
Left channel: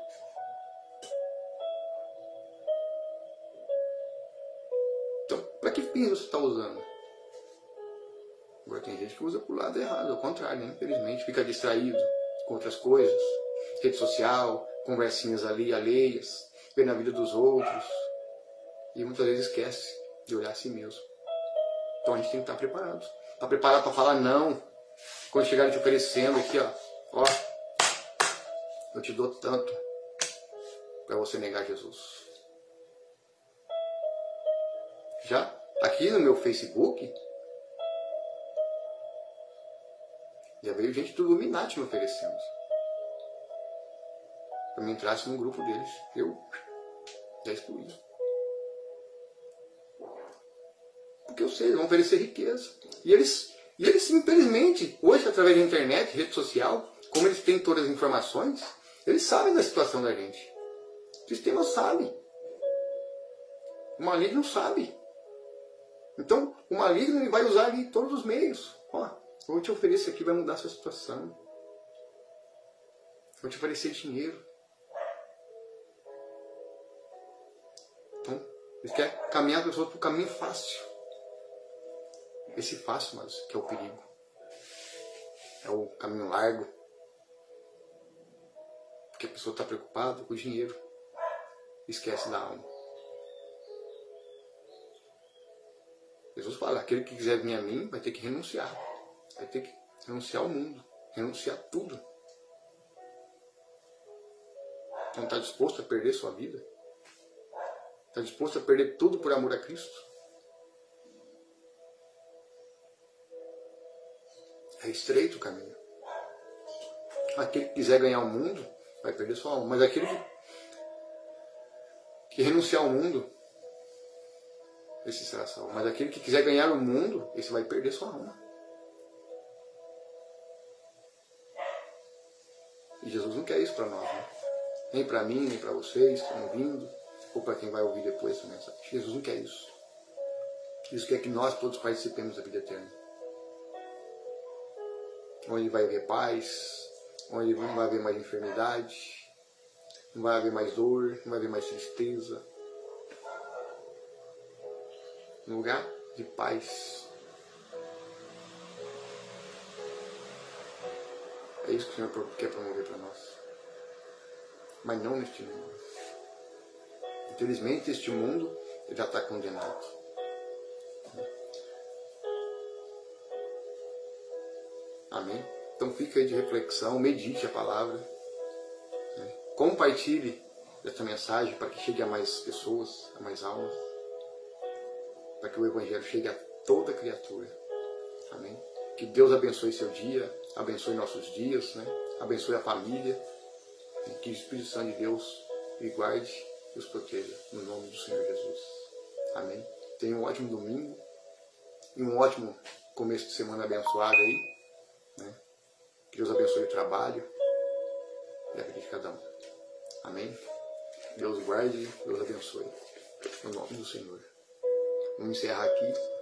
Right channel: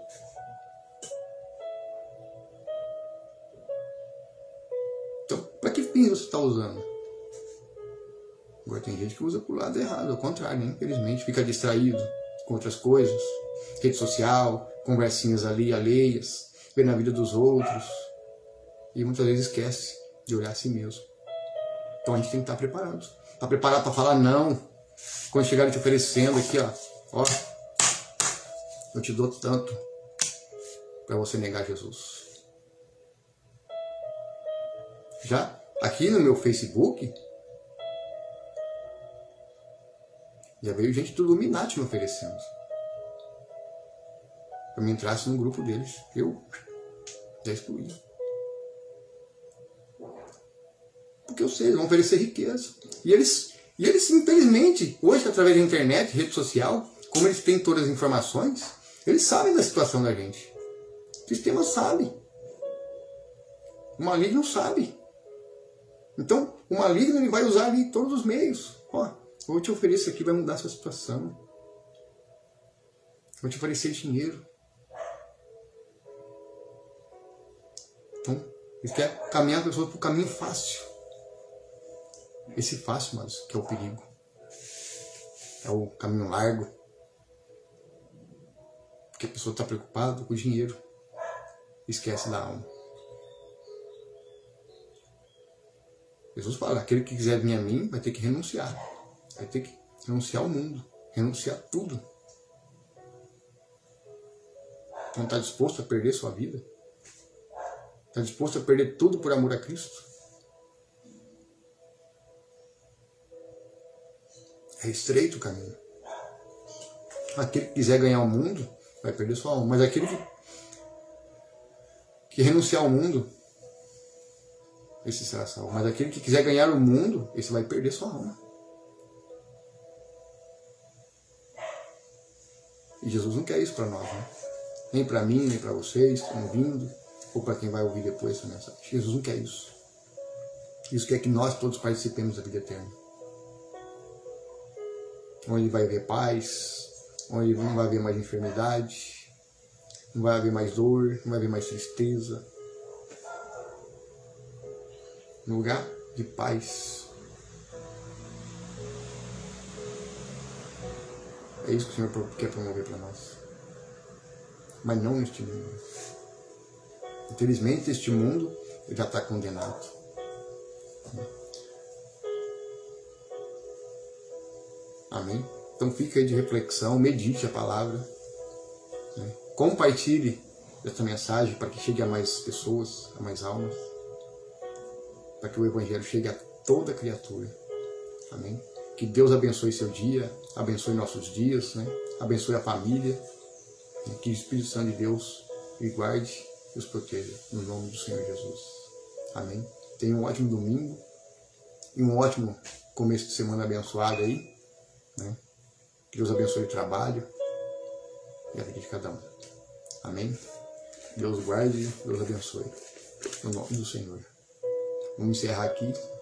Então, para que fins você está usando? Agora tem gente que usa para o lado errado, ao contrário, né? Infelizmente, fica distraído com outras coisas, rede social, conversinhas ali alheias, vendo a vida dos outros, e muitas vezes esquece de olhar a si mesmo. Então a gente tem que estar preparado. Está preparado para falar não. Quando chegarem te oferecendo aqui, ó, eu te dou tanto para você negar Jesus. Já aqui no meu Facebook, já veio gente do Illuminati me oferecendo. Para me entrasse no grupo deles. Eu já excluí. Porque eu sei, eles vão oferecer riqueza. E eles infelizmente, hoje, através da internet, rede social, como eles têm todas as informações, eles sabem da situação da gente. O sistema sabe. O maligno não sabe. Então, o maligno ele vai usar ali todos os meios. Ó, eu vou te oferecer aqui, vai mudar a sua situação. Vou te oferecer dinheiro. Então, ele quer caminhar a pessoa para o caminho fácil. Esse fácil, mas que é o perigo. É o caminho largo. Porque a pessoa está preocupada com o dinheiro. Esquece da alma. Jesus fala, aquele que quiser vir a mim vai ter que renunciar. Vai ter que renunciar ao mundo. Renunciar tudo. Então está disposto a perder sua vida? Está disposto a perder tudo por amor a Cristo? É estreito o caminho. Aquele que quiser ganhar o mundo vai perder sua alma. Mas aquele que renunciar ao mundo, esse será salvo. Mas aquele que quiser ganhar o mundo, esse vai perder sua alma. E Jesus não quer isso para nós, né? Nem para mim, nem para vocês que estão ouvindo, ou para quem vai ouvir depois essa mensagem. Jesus não quer isso. Jesus quer que nós todos participemos da vida eterna. Onde vai haver paz, onde não vai haver mais enfermidade, não vai haver mais dor, não vai haver mais tristeza. Um lugar de paz. É isso que o Senhor quer promover para nós. Mas não neste mundo. Infelizmente, este mundo já está condenado. Amém? Então fica aí de reflexão, medite a palavra. Né? Compartilhe essa mensagem para que chegue a mais pessoas, a mais almas. Para que o Evangelho chegue a toda criatura. Amém? Que Deus abençoe seu dia, abençoe nossos dias, né? Abençoe a família. Que o Espírito Santo de Deus lhe guarde e os proteja. No nome do Senhor Jesus. Amém? Tenha um ótimo domingo e um ótimo começo de semana abençoado aí. Né? Que Deus abençoe o trabalho e a vida de cada um. Amém? Deus guarde, Deus abençoe. No nome do Senhor. Vamos encerrar aqui.